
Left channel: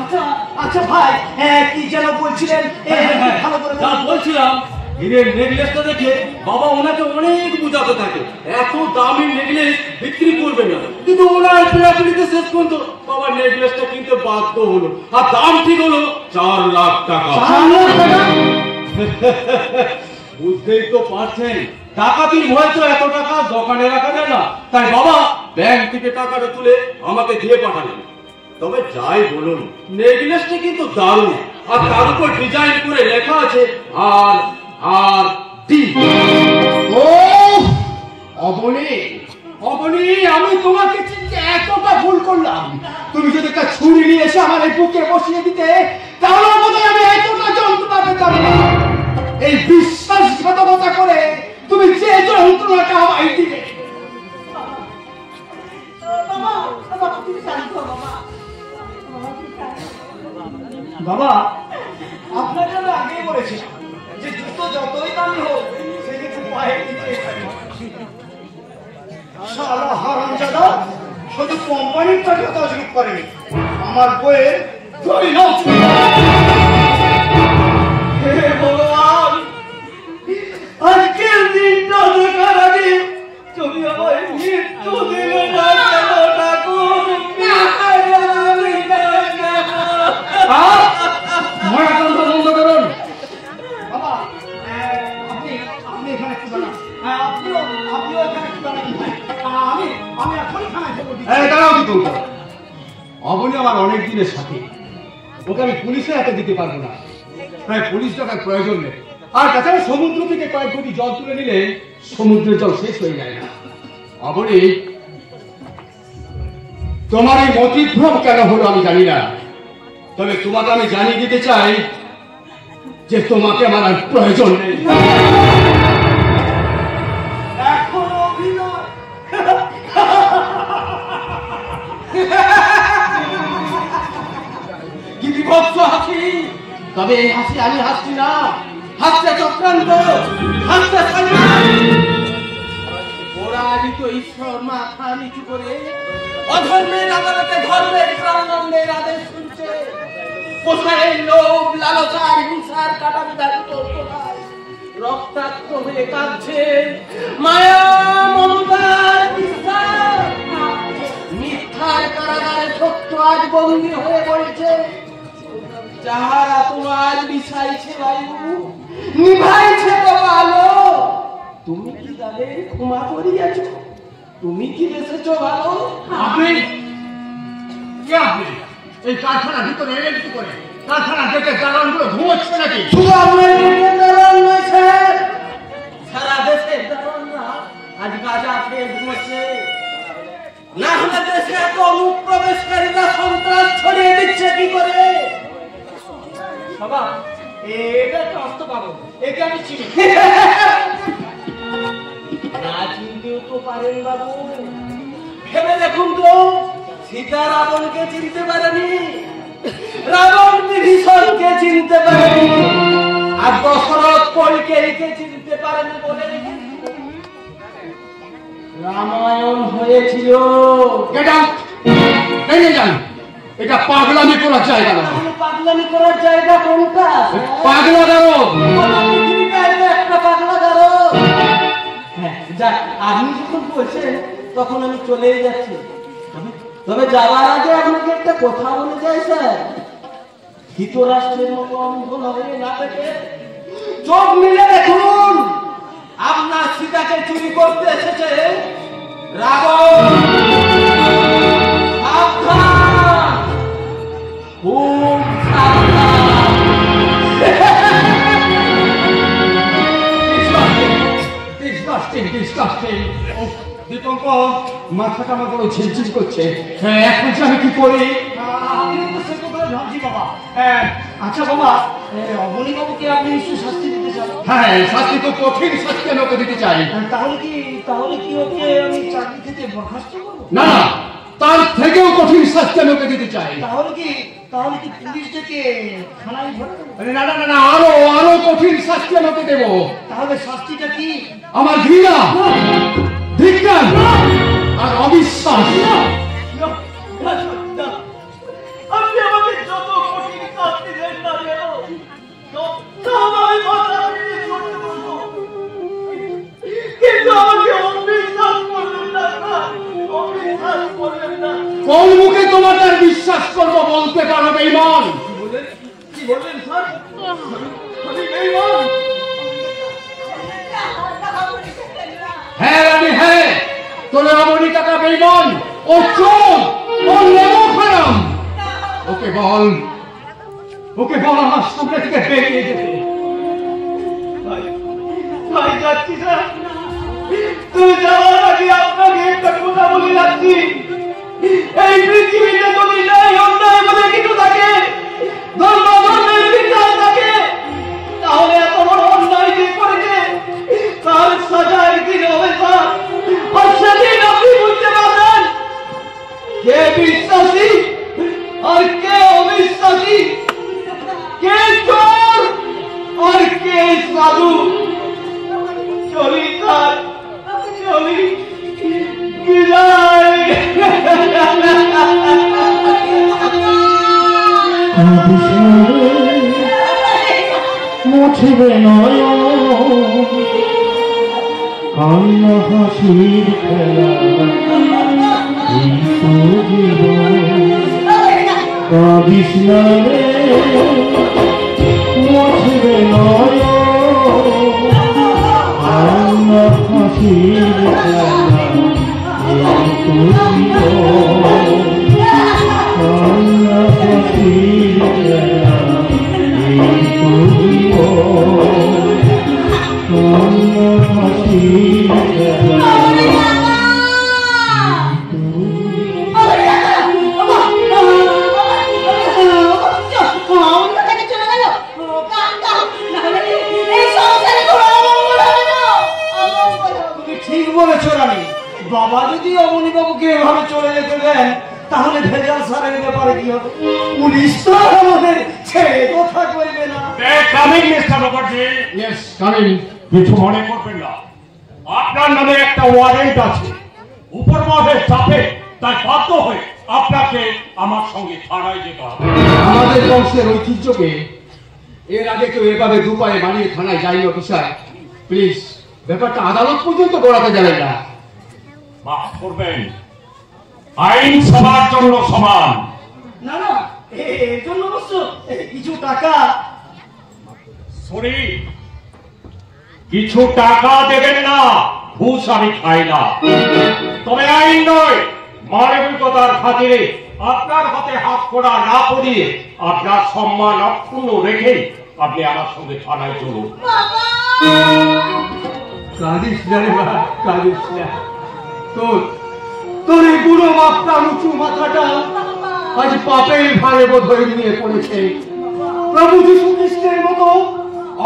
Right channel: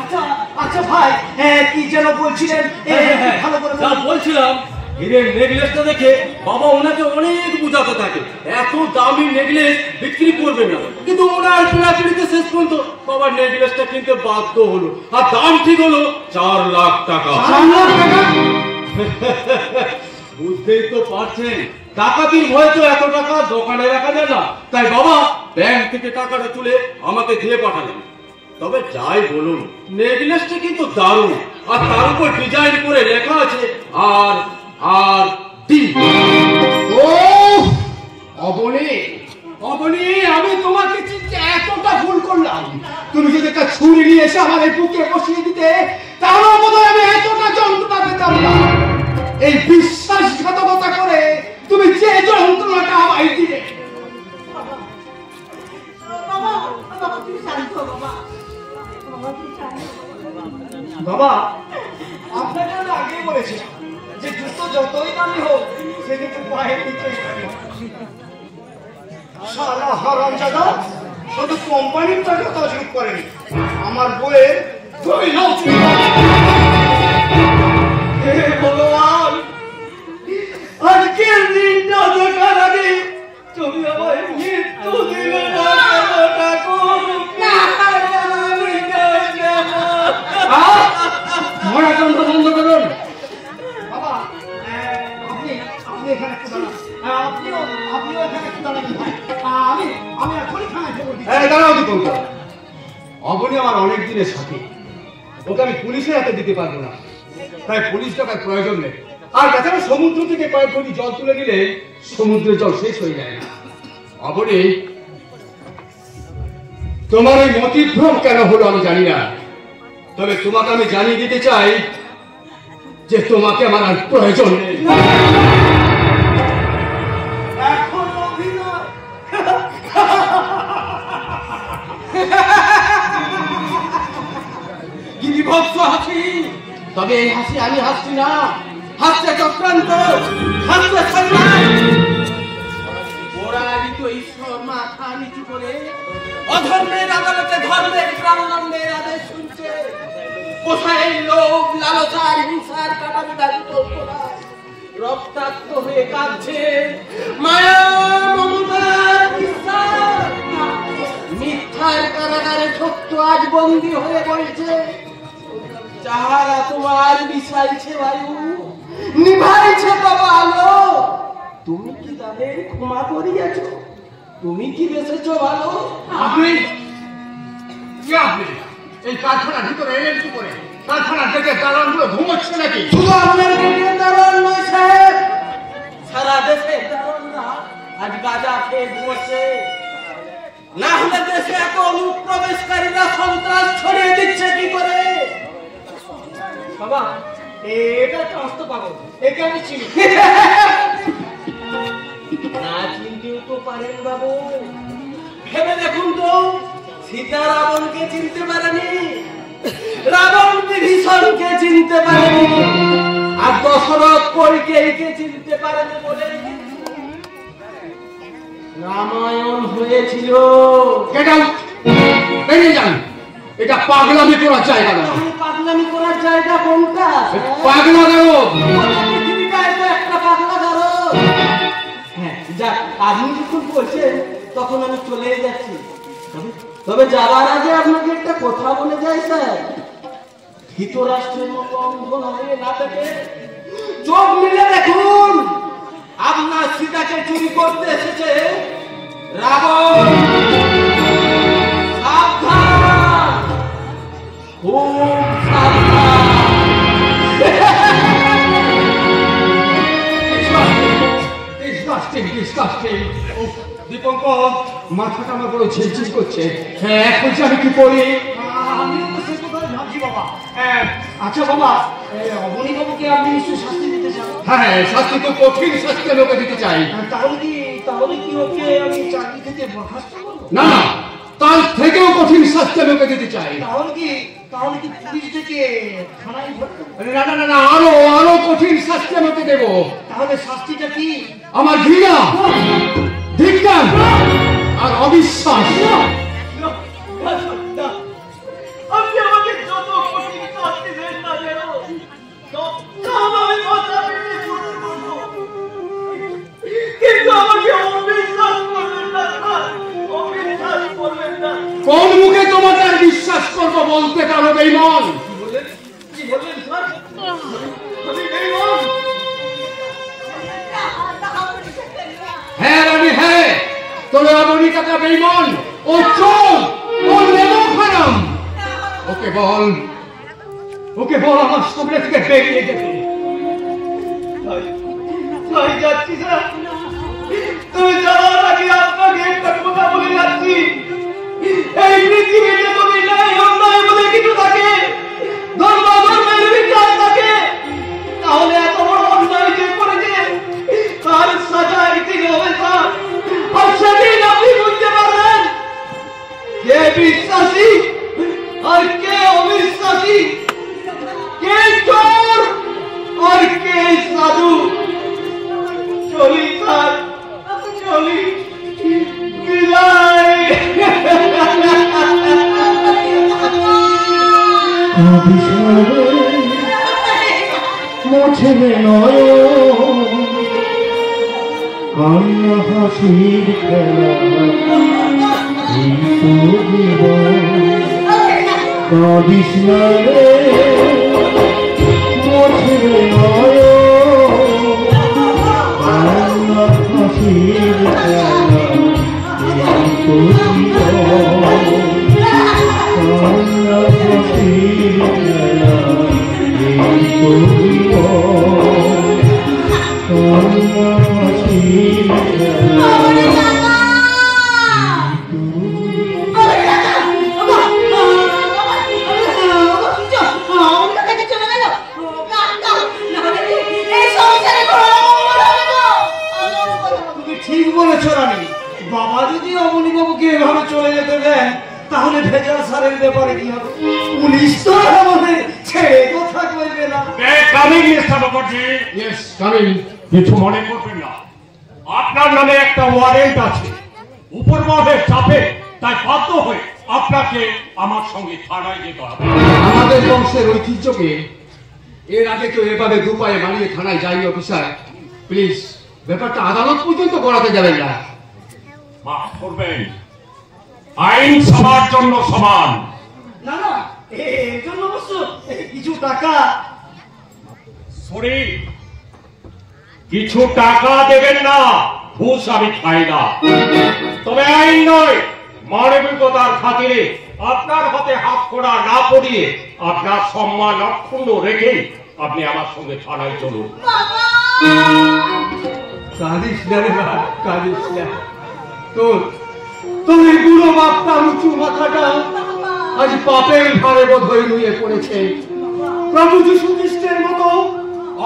আচ্ছা আচ্ছা ভাই, কি যেন বলছিলেন? ভালো করে যা বলছিলাম, হীরের নেকলেসটা দেখে বাবা ওনাকে অনেক বুঝাতে থাকে এত দামি নেকলেস বিক্রি করবে না, কিন্তু ওনার পিড়াপিড়িতে শেষ পর্যন্ত বাবার নেকলেসটা কিনতে বাধ্য হলো, আর দাম ঠিক হলো 4 লাখ টাকা। বুঝতেই তো পারছেন, ডাকাতির ভয় তো এত টাকা দোকানে রাখা যায় না, তাই বাবা ব্যাংক থেকে টাকাটা তুলে আমাকে দিয়ে পাঠালেন। তবে যাই বলুন, নেকলেসটা কিন্তু দারুণ, আর তার উপর ডিজাইন করে লেখা আছে আর আর ডি। ও অবনী, অবনী, আমি তোমাকে চিনতে এতটা ভুল করলাম। তুমি যদি একটা ছুরি নিয়ে এসে আমার এই বুকে বসিয়ে দিতে, তাহলে বোধহয় আমি এতটা যন্ত্রণা পেতাম না। এই বিশ্বাসঘাতকতা করে তুমি যে যন্ত্রণাটা আমায় দিলে। বাবা, বাবা তুমি শান্ত হও বাবা। বাবা তুমি শান্ত হও। বাবা, আপনাকে আমি আগেই বলেছি যে জুতো যতই দামি হোক সে কিন্তু পায়ে নিচে থাকে। শালা হারামজাদা শুধু কোম্পানির টাকা তসরুপ করেনি, আমার বইয়ের 2 লাখ। হে ভগবান, আজকের দিনটা দেখার আগে তুমি আমায় মৃত্যু দিলে না কেন ঠাকুর? মরাতন্ত্র বন্ধ করুন। বাবা, আপনি এখানে একটু দাঁড়ান। আপনিও এখানে একটু দাঁড়ান। আমি এখনই থানায় খবর দিচ্ছি। দাঁড়াও কি বলতো? অবনী আমার অনেক দিনের সাথী, ওকে আমি পুলিশে হাতে দিতে পারবো না, তাই পুলিশ টাকার প্রয়োজন নেই। আর তাছাড়া সমুদ্র থেকে কয়েক কোটি জল তুলে নিলে সমুদ্রের জল শেষ হয়ে যায় না। অবনী, তোমার এই মতিভ্রম কেন হলো আমি জানি না, তবে তোমাকে আমি জানিয়ে দিতে চাই যে তোমাকে আমার আর প্রয়োজন নেই। এখন অভিনয়। কি বিভৎস হাসি! তবে এই হাসি আমি হাসছি না, হাসছে চক্রান্ত, হাসছে সংগ্রাম। পরাজিত ঈশ্বর মাথা নিচু করে অধর্মের আদালতে ধর্মের প্রাণদণ্ডের আদেশ শুনছে। কোথায় লোভ, লালসার, হিংসার কাটা বিধান চলতোলায় রক্তাক্ত হয়ে কাঁদছে মায়া, মমতার বিশ্বাস। মিথ্যার কারাগারে সত্য আজ বন্দী হয়ে পড়েছে। যাহারা তোমার বিষাইছে বায়ু, নিভাইছে বাবা আলো, তুমি কি তাদের ক্ষমা করিয়াছ? তুমি কি বেঁচেছো ভালো? আপনি কি আপনি এই কারখানার ভিতরে এলেন কি করে? কারখানার গেটের দালানগুলো ঘুমোচ্ছে নাকি? শুধু আপনার গেটের দালান নয় স্যার, সারা দেশের দালানরা আজ গাঁজা খেয়ে ঘুমোচ্ছে। না হলে দেশে এত অনুপ্রবেশকারীরা সন্ত্রাস ছড়িয়ে দিচ্ছে কি করে? বাবা, এটা একটা অস্ত পাগল, একে আমি চিনি। না চিনতেও তো পারেন বাবু। ভেবে দেখুন তো, সীতা রাবণকে চিনতে পারেনি, রাবণ বিভীষণকে চিনতে পারেনি, আর দশরথ কইকেয়ীকে চিনতে পারেনি বলে রামায়ণ হয়েছিল। এটা পাগলামি করার জায়গা না। তাহলে পাগলামি করার জায়গা কোনটা? পাগলা দেবো। পৃথিবীটা এটা একটা পাগলাগারো। হ্যাঁ, যাক, আপনি যখন বলছেন তখন আমি চলেই যাচ্ছি। তবে তবে যাবার আগে আপনাকে একটা কথা বলে যাই স্যার, ধৃতরাষ্ট্রের মতো অন্ধ হয়ে না থেকে চোখ মিলে দেখুন, আপনার সীতাকে চুরি করতে এসেছে রাবণ। সাবধান, খুব সাবধান। দীপঙ্কর, মাথাটা আমার বড় ঝিলঝিল করছে। হ্যাঁ, এখন আমি কি করি? আমি তো সে কথা ভাবছি বাবা। আচ্ছা বাবা, অবনী বাবুকে আপনি নিশ্চয়ই শাস্তি দিতে চান। হ্যাঁ, শাস্তি তো কঠিন শাস্তি লোকে দিতে চাই। তাহলে কি ওকে আমি চাকরি থেকে বরখাস্ত করবো? না না, তার থেকেও কঠিন শাস্তি লোকে দিতে চাই। তাহলে কি পুলিশ থেকে থানায় ভরবো? না না না না, আরো কঠিন শাস্তি লোকে দেব। তাহলে শাস্তিটা কি? আমার ঘৃণা, ধিক্কার আর অবিশ্বাস। আপনি আমাকে যত কঠিন শাস্তি দেন না কেন, কিন্তু আমাকে অবিশ্বাস করবেন না, অবিশ্বাস করবেন না। কোন মুখে তোমাকে আর বিশ্বাস করবো বলতে পারো বেঈমান? কি বললেন স্যার? আমি বেঈমান? হ্যাঁ রানী, হ্যাঁ, তবে অমনি টাকা বেঈমান, ও চোর, ও নেমখারাম। ওকে বল আমার সামনে থেকে বেরিয়ে যেতে। তাই যাচ্ছি স্যার। তুই যাওয়ার আগে আপনাকে একটা কথা বলে যাচ্ছি, এই পৃথিবীতে যদি নাই অন্যায় বলে কিছু থাকে, ধর্মের বিচার থাকে, তাহলে এত বড় অন্যায় যে করেছে তার সাজা একদিন হবে স্যার। আর সেদিন আপনি বুঝতে পারবেন কে বিশ্বাসী আর কে অবিশ্বাসী, কে চোর আর কে সাধু। চলি স্যার, চলি, বিদায়। মোছবে নয় কান্না হাসির খেলা, এই তো জীবন। কাঁদিস না রে, মোছবে নয় কান্না হাসির খেলা, এই তো জীবন। কান্না হাসির খেলা, এই তো জীবন। কান্না হাসির খেলা, ঠিক বলেছ রানী। বাবা যদি অবনী বাবুকে এভাবে চলে যেতে দেন, তাহলে ভেজাল সারের ব্যাপারে কি হবে? পুলিশ তো আমাদের ছেড়ে কথা বলবে না। Coming mister Mukherjee, yes, coming. কিছু মনে করবেন না, আপনার নামে একটা ওয়ারেন্ট আছে। উপর মহলের চাপে তাই বাধ্য হয়ে আপনাকে আমার সঙ্গে থানায় যেতে হবে। আমাদের বংশের ঐতিহ্যকে এর আগে কেউ এভাবে দুপায়ে বানিয়ে থানায় যায়নি। অফিসার প্লিজ, ব্যাপারটা আদালত পর্যন্ত গড়াতে যাবেন না। মাফ করবেন, আইন সবার জন্য সমান। না না, এর জন্য অবশ্য কিছু টাকা। সরি, কিছু টাকা দেবেন না, ঘুষ আমি খাই না। তবে আইন নয়, মানবিকতার খাতিরে আপনার হাতে হাত করা না পড়িয়ে আপনার সম্মান অক্ষুণ্ণ রেখে আপনি আমার সঙ্গে থানায় চলুন। কাঁদিস না রে বাবা, কাঁদিস না। তোর এই বুড়ো বাপটার উঁচু মাথাটা আজ পাপের ভারে বোধহয় নিয়ে পড়েছে। প্রভু যীশু খ্রিস্টের মতো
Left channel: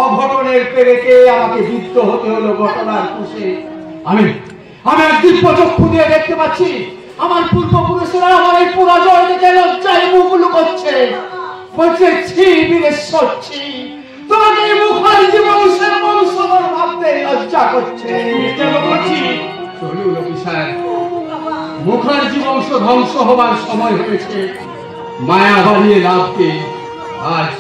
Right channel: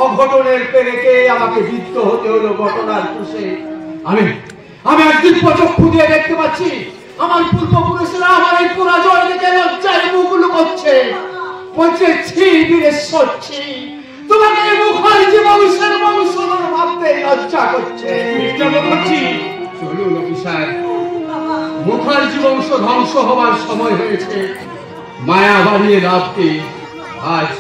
অঘটনের পেরেকে আমাকে যুদ্ধ হতে হলো ঘটনার খুশে। আমি আজ দিব্য চক্ষু দিয়ে দেখতে পাচ্ছি আমার পূর্বপুরুষেরা আমার এই পরাজয় দেখে লজ্জায় মুখ লুকোচ্ছে, বলছে ছি বীরেশ্বর ছি, তোমাকে এই মুখার্জি বংশের বংশধর ভাবতে লজ্জা করছে। চলুন অফিসার, মুখার্জি বংশ ধ্বংস হবার সময় হয়েছে। মায়া বাড়িয়ে লাভকে আজ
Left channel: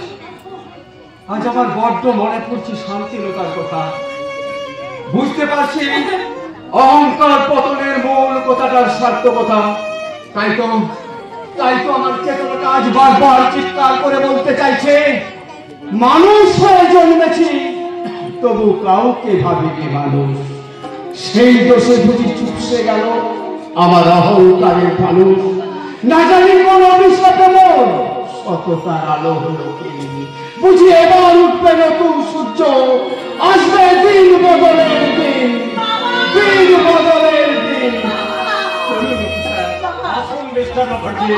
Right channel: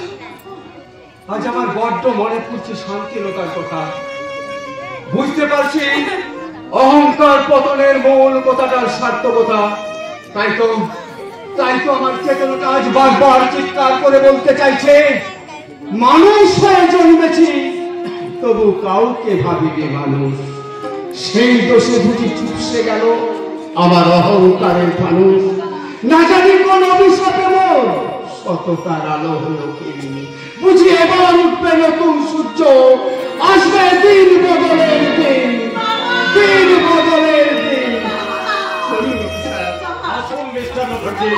আমার বড্ড মনে পড়ছে শান্তিলতার কথা। বুঝতে পারছি অহংকার পতনের মূল কথাটার সার্থকতা তাই তো আমার চেতনাটা আজ বারবার চিৎকার করে বলতে চাইছে, মানুষ হয়ে জন্মেছি তবু কাউকে ভাবিনি মানুষ। সেই দোষে বুঝি চুপসে গেল আমার অহংকারের মানুষ। না জানি কোন অভিশাপে সততার আলো হলো কি, বুঝি এবার উঠবে নতুন সূর্য, আসবে দিন বদলের দিন, দিন বদলের দিন। আসুন মিস্টার মুখার্জি।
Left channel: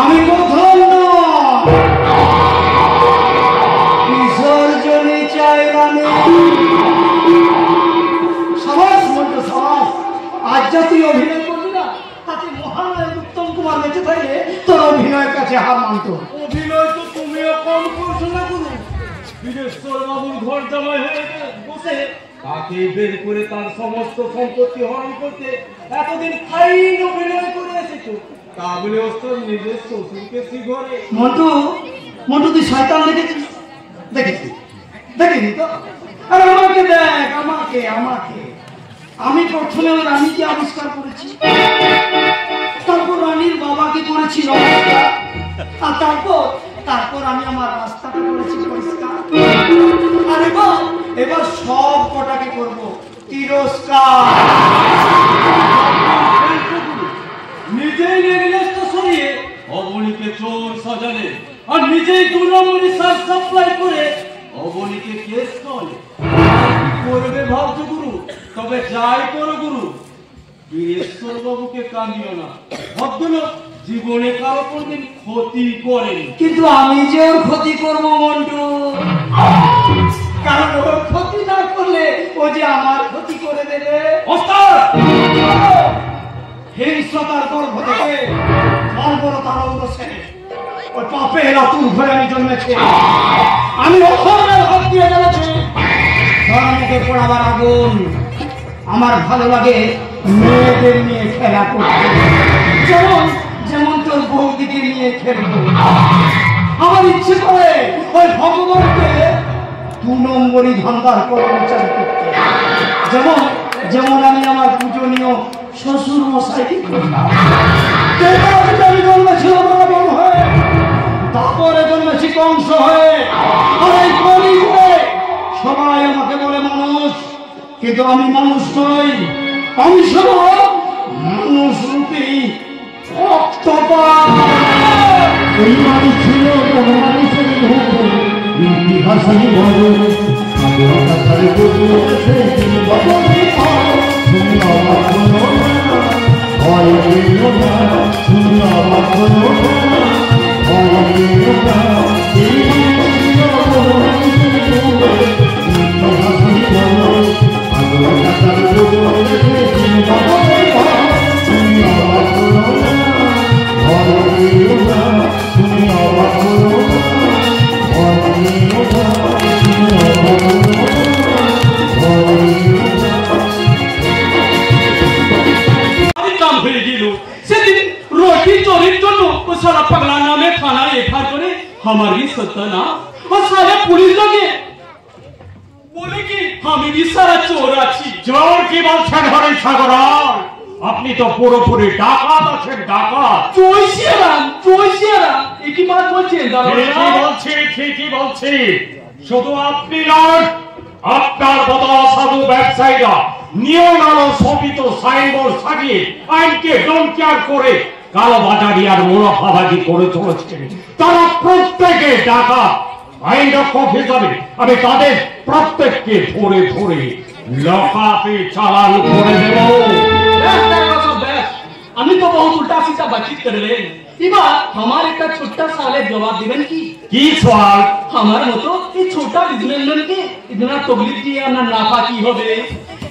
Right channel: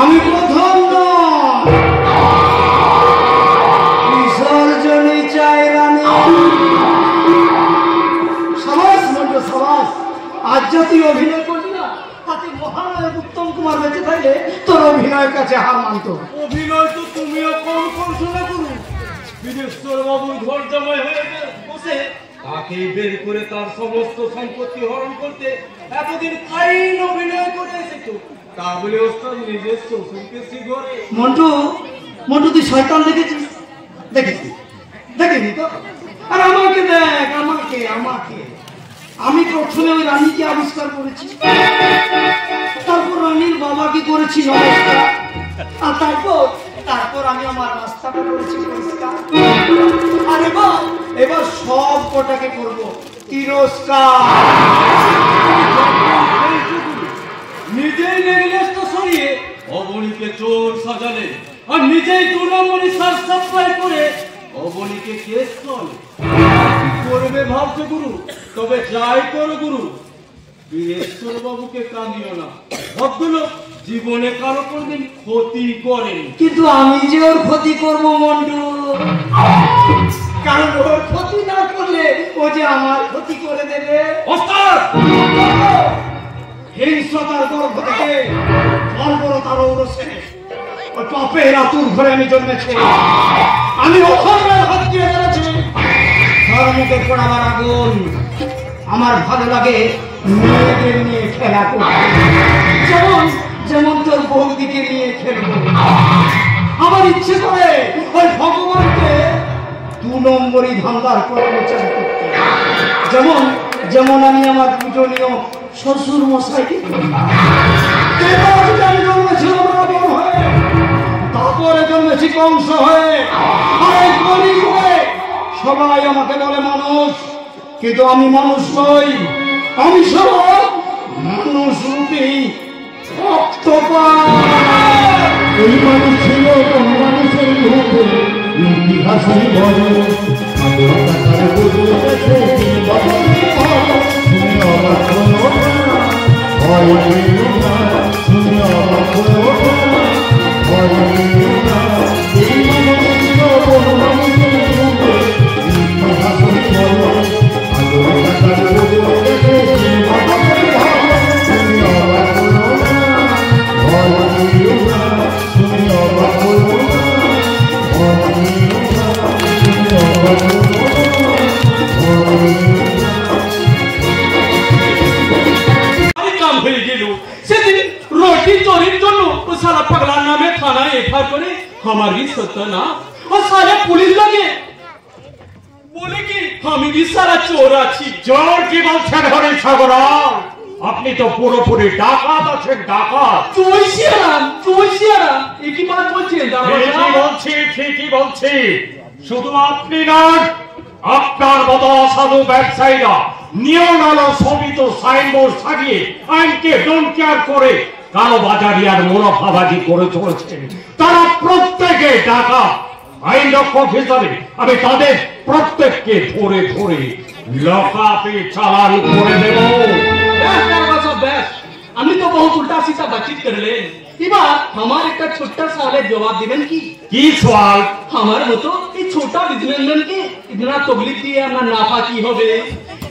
আমি প্রথম বিসর্জনী চাই রানী। সাবাস বলতো সাবাস, আজ যে তুই অভিনয় করবি না তাতে মহানায়ক উত্তম কুমার বেঁচে থাকলে তোর অভিনয়ের কাছে হার মানতো। অভিনয় তো তুমিও কম করছো না কোনো। বিদেশ্বর বাবুর ঘর জামাই হয়ে বসে তাকে বের করে তার সমস্ত সম্পত্তি হরণ করতে এতদিন ফাইন অভিনয় করে এসেছো, তা বলে ওস্তাদ নিজের শ্বশুরকে শিখরে। মন্টু, মন্টু তুই শয়তান দেখেছিস? দেখেছি, দেখিনি তো। আর আমাকে দেখ, আমাকে আমাকে আমি প্রথমে রানীকে আবিষ্কার করেছি, তারপর রানীর বাবাকে করেছি নমস্কার, আর তারপর আমি আমার রাস্তাটা করেছি পরিষ্কার। আর এবার সব কটাকে করবো তিরস্কার। নিজেই রেগুলেশন সরিয়ে অবনীকে চোর সাজালে, আর নিজেই গুণমণি সার সাপ্লাই করে অবনীকে কেস করে। করবে ভাবছো গুরু, তবে যাই করো গুরু, বীরেশ্বর বাবুকে কাঁদিও না। ভদ্রলোক জীবনে কারো কোনদিন ক্ষতি করেন, কিন্তু আমি যে ওর ক্ষতি করবো মন্টু, কারণ ওর ক্ষতি না করলে ও যে আমার ক্ষতি করে দেবে। ওস্তাদ হিংস্রতার গর্ভ থেকে বর্বরতার ঔরসে ওই পাপের আতুর ঘরে আমি জন্মেছি। আমি অধর্মের হাত দিয়ে বেড়েছি। ধর্মকে পোড়াবার আগুন আমার ভালো লাগে মেয়েদের নিয়ে খেলা করতে, যেমন যেমন তোর বৌদিকে নিয়ে খেলবো। আমার ইচ্ছে করে ওই ভগবানকে 2 নম্বরই ধান্দার কর্মচারী করতে, যেমন যেমন আমি আমার পূজনীয় শ্বশুর মশাই। আমি জন্মেছিল বরাবর হয়ে, তারপরে জন্মেছি কংস হয়ে। সবাই আমাকে বলে মানুষ, কিন্তু আমি মানুষ নই, আমি শুধু মানুষ রূপী ওই মানুষ ছিল মানুষের ইতিহাসই বড় हमारी सत्ता और सारे पुलिस लगे बोले कि हम भी सारा चोर आছি। চোর কি বলছেন হরে সাগর? আপনি তো পুরোপুরি ডাকাত আছেন, ডাকাত। চোইছিয়ারাম একই বাত বলছেন। ঠিকই বলছি। শুধু আপনি নন, আপনার মতো অসাধু ব্যবসায়ীরা নিয়ম আলো শোভিত সাইনবোর্ড সাজিয়ে আইনকে ডোন্ট কেয়ার করে কালো বাজারি আর মুনাফাবাজি করে চলেছে। তারা প্রত্যেকে ডাকাত। আইন রক্ষক হিসাবে আমি তাদের প্রত্যেককে ধরে ধরে লকআপে চালান করে দেব। আমি তো বহুত উল্টা सीधा बातचीत করলেন। এবার আমার একটা ছোট্ট সালে জবাব দিবেন কি? কি সওয়াল? আমার মতো এই ছোট বিজনেসম্যানকে ইতনা তকলিফ দিয়ে আমার নাফা কি হবে?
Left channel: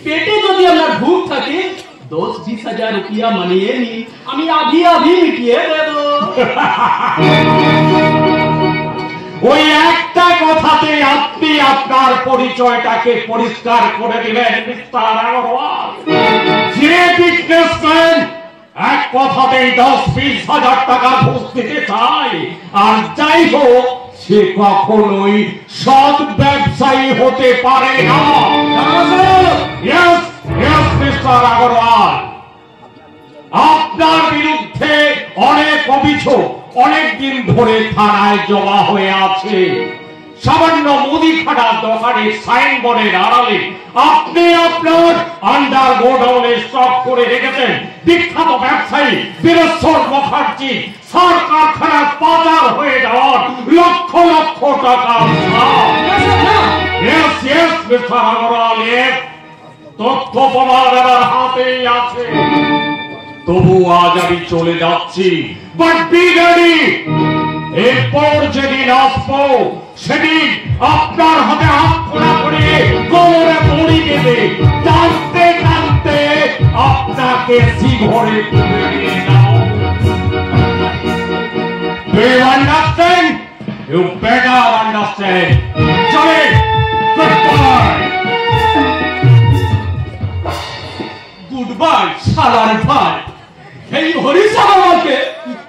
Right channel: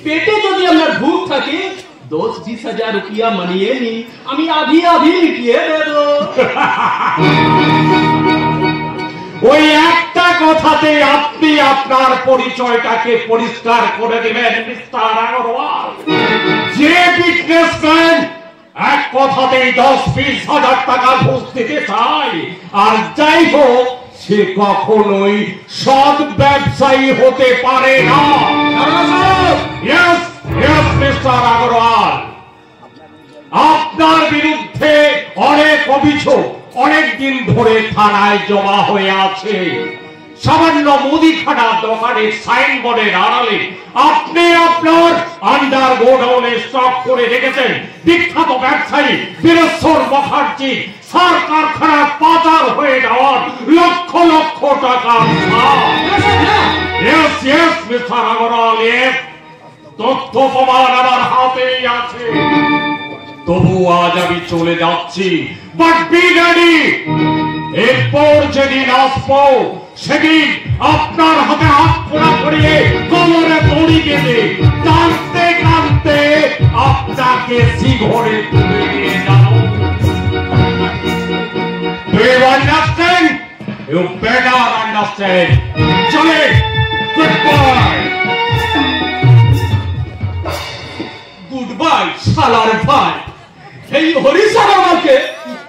পেটে যদি আমার ভूख থাকে 10-20 হাজার রুপিয়া মানিয়ে নি, আমি আধি মিটিয়ে দেব। ওই একটা কথাতে আপনি আপনার পরিচয়টাকে পরিষ্কার করে দিবেন মিস্টার আগরওয়াল। যে বিজনেসম্যান এক কথাতেই 10-20 হাজার টাকা ঘুষ দিতে চায়, আর যাই হোক সে কখনোই সৎ ব্যবসায়ী হতে পারে না। মিস্টার আগরওয়াল, আপনার বিরুদ্ধে অনেক অভিযোগ অনেকদিন ধরে থানায় জমা হয়ে আছে। সামান্য মুদিখানার দোকানের সাইনবোর্ডের আড়ালে আপনি আপনার আন্ডার গোডাউনে স্টক করে রেখেছেন বিখ্যাত ব্যবসায়ী বীরেশ্বর মুখার্জি সার কারখানার পাচার হয়ে যাওয়ার লক্ষ লক্ষ টাকা। মিস্টার আগরওয়াল, তথ্য প্রমাণ আমার হাতেই আছে। তবু আজ আমি চলে যাচ্ছি, বাট বি রেডি। এরপর যেদিন আসবো সেদিন আপনার হাতে হাত খোলা করিয়ে কোমরে দড়ি বেঁধে টানতে টানতে আপনাকে শিঘরে তুলে নিয়ে যাও। Do you understand? You better understand. চলে, goodbye. গুডবাই শালার ভাই। এই হরিশ আমাকে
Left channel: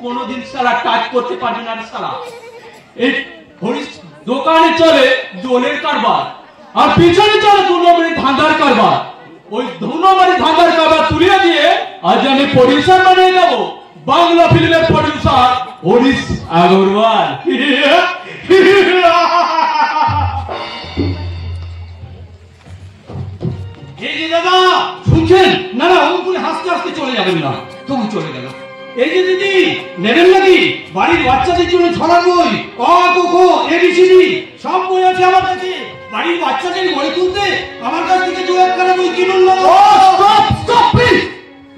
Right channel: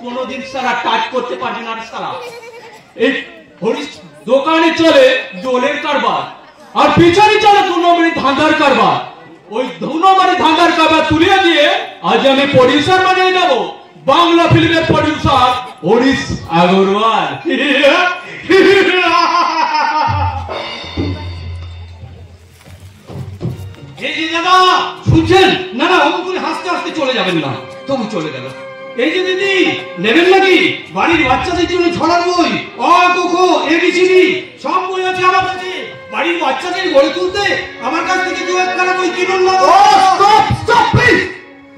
কোনোদিন সারা কাজ করতে পারবে না সালা। এই হরিশ দোকানে চলে জলের কারবার, আর পিছনে চলে 2 নম্বরের ধাঁধার কারবার। ওই 2 নম্বরের ধাঁধার কারবার তুলিয়ে দিয়ে আজ আমি প্রডিউসার বানিয়ে দেব, বাংলা ফিল্মের প্রডিউসার হরিশ আগরওয়াল। এই যে দাদা শুনছেন? না না, অমন করে হাসতে হাসতে চলে যাবেন না। তবু চলে গেল। এই যে দিদি, নেবেন নাকি বাড়ির বাচ্চাদের জন্য ছড়ার বই, অ ক খ এবিসিডি সব বই আছে আমার কাছে। বাড়ির বাচ্চাদের গড়ে তুলতে আমার কাছ থেকে 2-1 বই কিনুন না।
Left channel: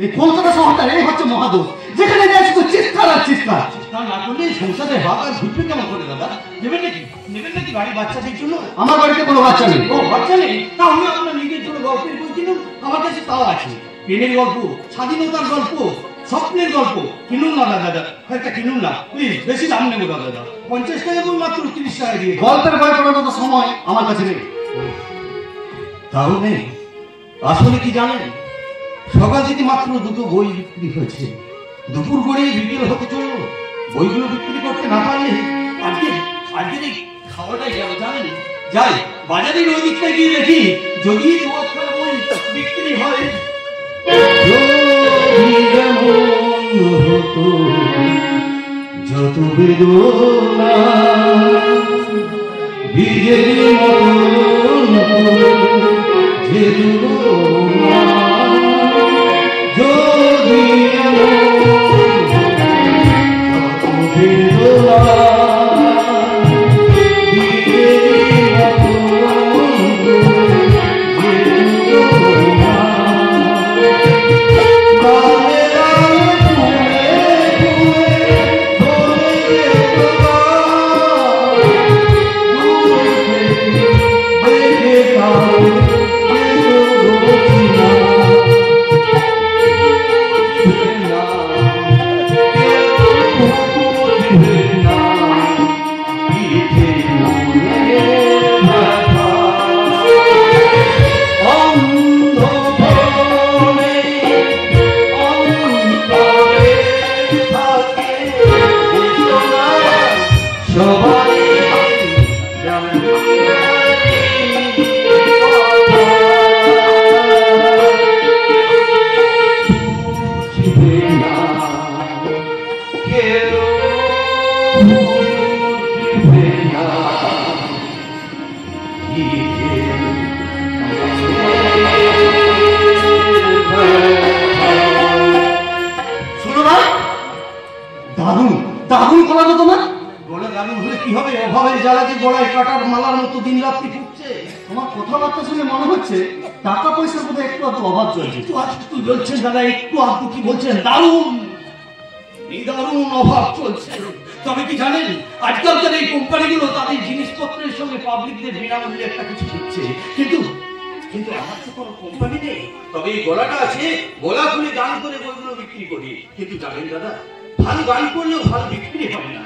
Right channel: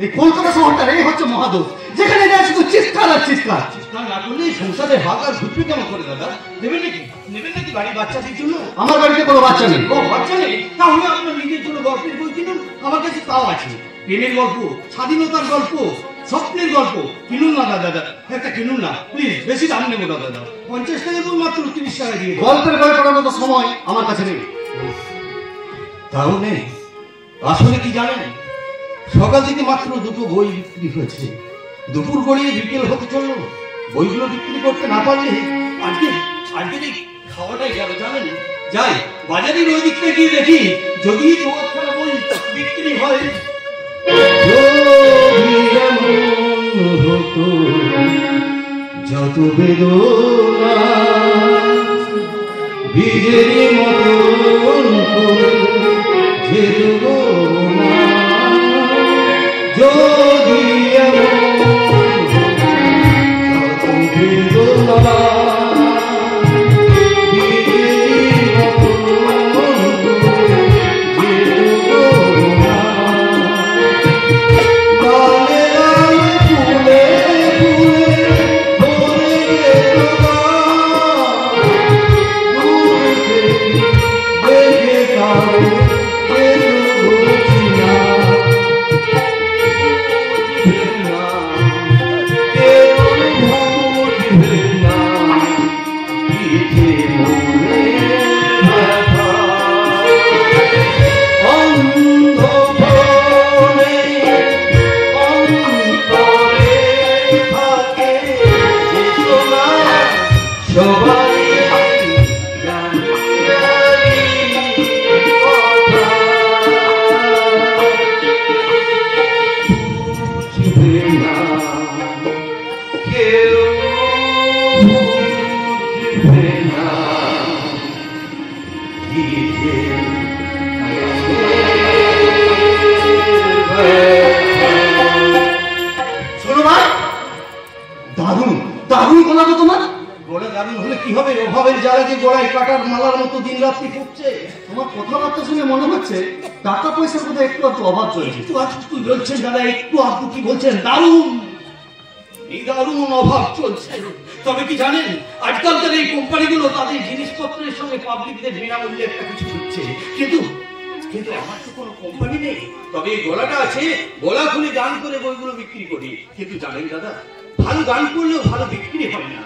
এই কলকাতা শহরটা এই হচ্ছে মহাদোষ, যেখানে যাচ্ছে তো চিৎকার আর চিৎকার। চিৎকার না করলে সংসারে হাত আর ঘুরবে কেমন করে দাদা? নেবেন নাকি বাড়ির বাচ্চাদের জন্য? আমার বাড়িতে কোনো বাচ্চা নেই। ও বাচ্চা নেই? তাহলে আপনার নিজের জন্য গল্পের বই কিনুন, আমার কাছে তাও আছে। প্রেমের গল্প, স্বাধীনতার গল্প, স্বপ্নের গল্প কিনুন না দাদা, একটা কিনুন না প্লিজ। বেশি দাম নেবো না দাদা, 50 টাকা করে মাত্র 30 টাকা দিয়ে। গল্পের বই পড়ার মতো সময় আমার কাছে নেই। তাও নেই? আসলে কি জানেন, সকাল থেকে মাত্র 2টো বই বিক্রি হয়েছে। দুপুর গড়িয়ে বিকেল হতে চলল, বইগুলো বিক্রি করতে না পারলে আজকের এই খাওয়াটাই গেল জানেন। যাই বাজারের ওই দিকটা গিয়ে দেখি যদি 2-1 বই বিক্রি হয়। যত বেদনা বীজের মতন যেত না, যদি যত বেদনা বীজের মতন যেত না, কথাবার্তা শুনে মনে হচ্ছে টাকা পয়সার মধ্যে একটু একটু অভাব চলছে। একটু আধটু বলছেন দাদা, একটু আধটু কি বলছেন? দারুণ দারুণ অভাব চলছে। তবে কি জানেন, আজকালকার এই কোম্পানিগুলো তাদের জিনিসপত্রের সঙ্গে পাবলিকদের বিনামূল্যে একটা কিছু দিচ্ছে, কিন্তু আমার তো কোনো কোম্পানি নেই। তবে এই গলাটা আছে, গলা খুলে গান করে বইগুলো বিক্রি করি। কিন্তু জানেন দাদা, ভালো গান করলেও ভালো বিক্রি হবে না।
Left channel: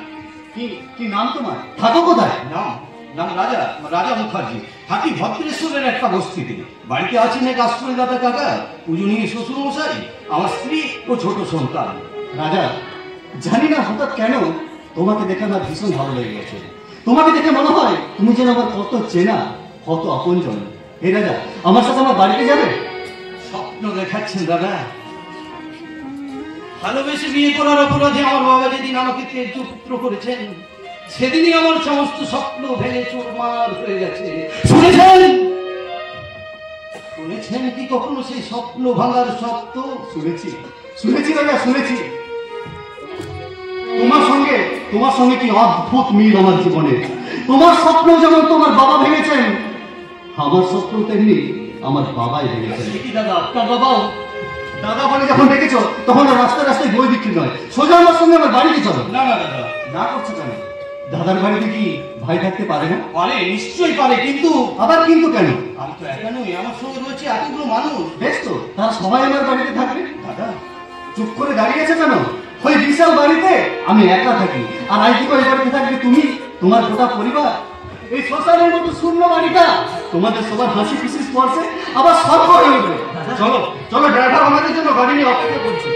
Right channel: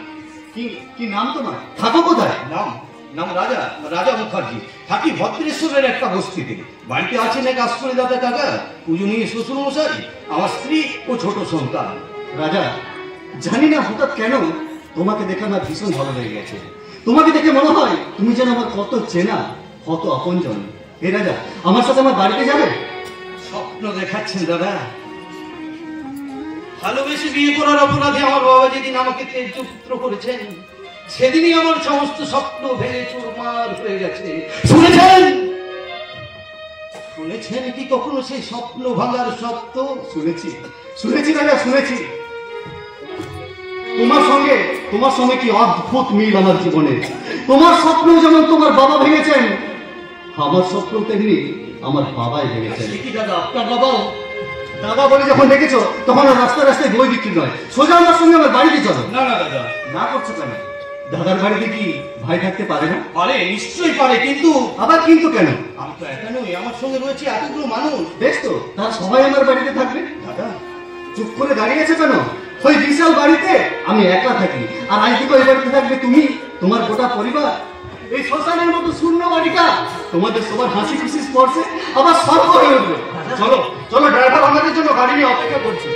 কি নাম তোমার? থাকো কোথায়? নাম নাম রাজা রাজা মুখার্জি। থাকি ভদ্রেশ্বরের একটা বস্তিতে। বাড়িতে আছেন এক আশ্রয়দাতা কাকা, পূজনীয় শ্বশুর মশাই, আমার স্ত্রী ও ছোট সন্তান। রাজা, জানি না হঠাৎ কেন তোমাকে দেখে আমার ভীষণ ভালো লেগে গেছে। তোমাকে দেখে মনে হয় তুমি যেন আমার কত চেনা, কত আপনজন। হে রাজা, আমার সাথে আমার বাড়িতে যাবে? স্বপ্ন দেখাচ্ছেন দাদা? ভালোবেসে বিয়ে করার অপরাধে আমার বাবা যেদিন আমাকে তেজ পুত্র করেছেন, সেদিনই আমার সমস্ত স্বপ্ন ভেঙে চুরমার হয়ে গেছে। শুনেছেন? শুনেছেন কি কখনো সেই স্বপ্ন ভাঙার শব্দ? শুনেছি শুনেছি রাজা, শুনেছি। তোমার সঙ্গে কি অদ্ভুত মিল আমার জীবনে। তোমার স্বপ্ন যেমন তোমার বাবা ভেঙেছেন, আমার স্বপ্ন তেমনি আমার বাবাই ভেঙেছেন। কি দাদা, আপনার বাবাও? দাদা বলে যখন দেখেছো তখন আর রাস্তায় রাস্তায় বই বিক্রি নয়, সোজা আমার সঙ্গে আমার বাড়িতে চলো। না না দাদা। না করছো কেন? দাদার বাড়িতে কি ভাই থাকতে পারে না? পারে, নিশ্চয়ই পারে, কিন্তু আবার কিন্তু কেন? আমি তো একা নই, আমার সঙ্গে রয়েছে এতগুলো মানুষ। বেশ তো, তারা সবাই আমার বাড়িতে থাকবে। দাদা, চুপ করে দাঁড়িয়ে আছে কেন? ওই বিশাল বাড়িতে আমি একা থাকি, আর আইটিকল বাড়িতে থাকবে তুমি, তোমার গোটা পরিবার। এই শ্মশানের মতো শূন্য বাড়িটা তোমাদের সবার হাসি খুশি স্পর্শে আবার সর্ব হয়ে উঠবে। চলো চলো, ড্রাইভার আমাদের জন্য গাড়ি নিয়ে অপেক্ষা করছে।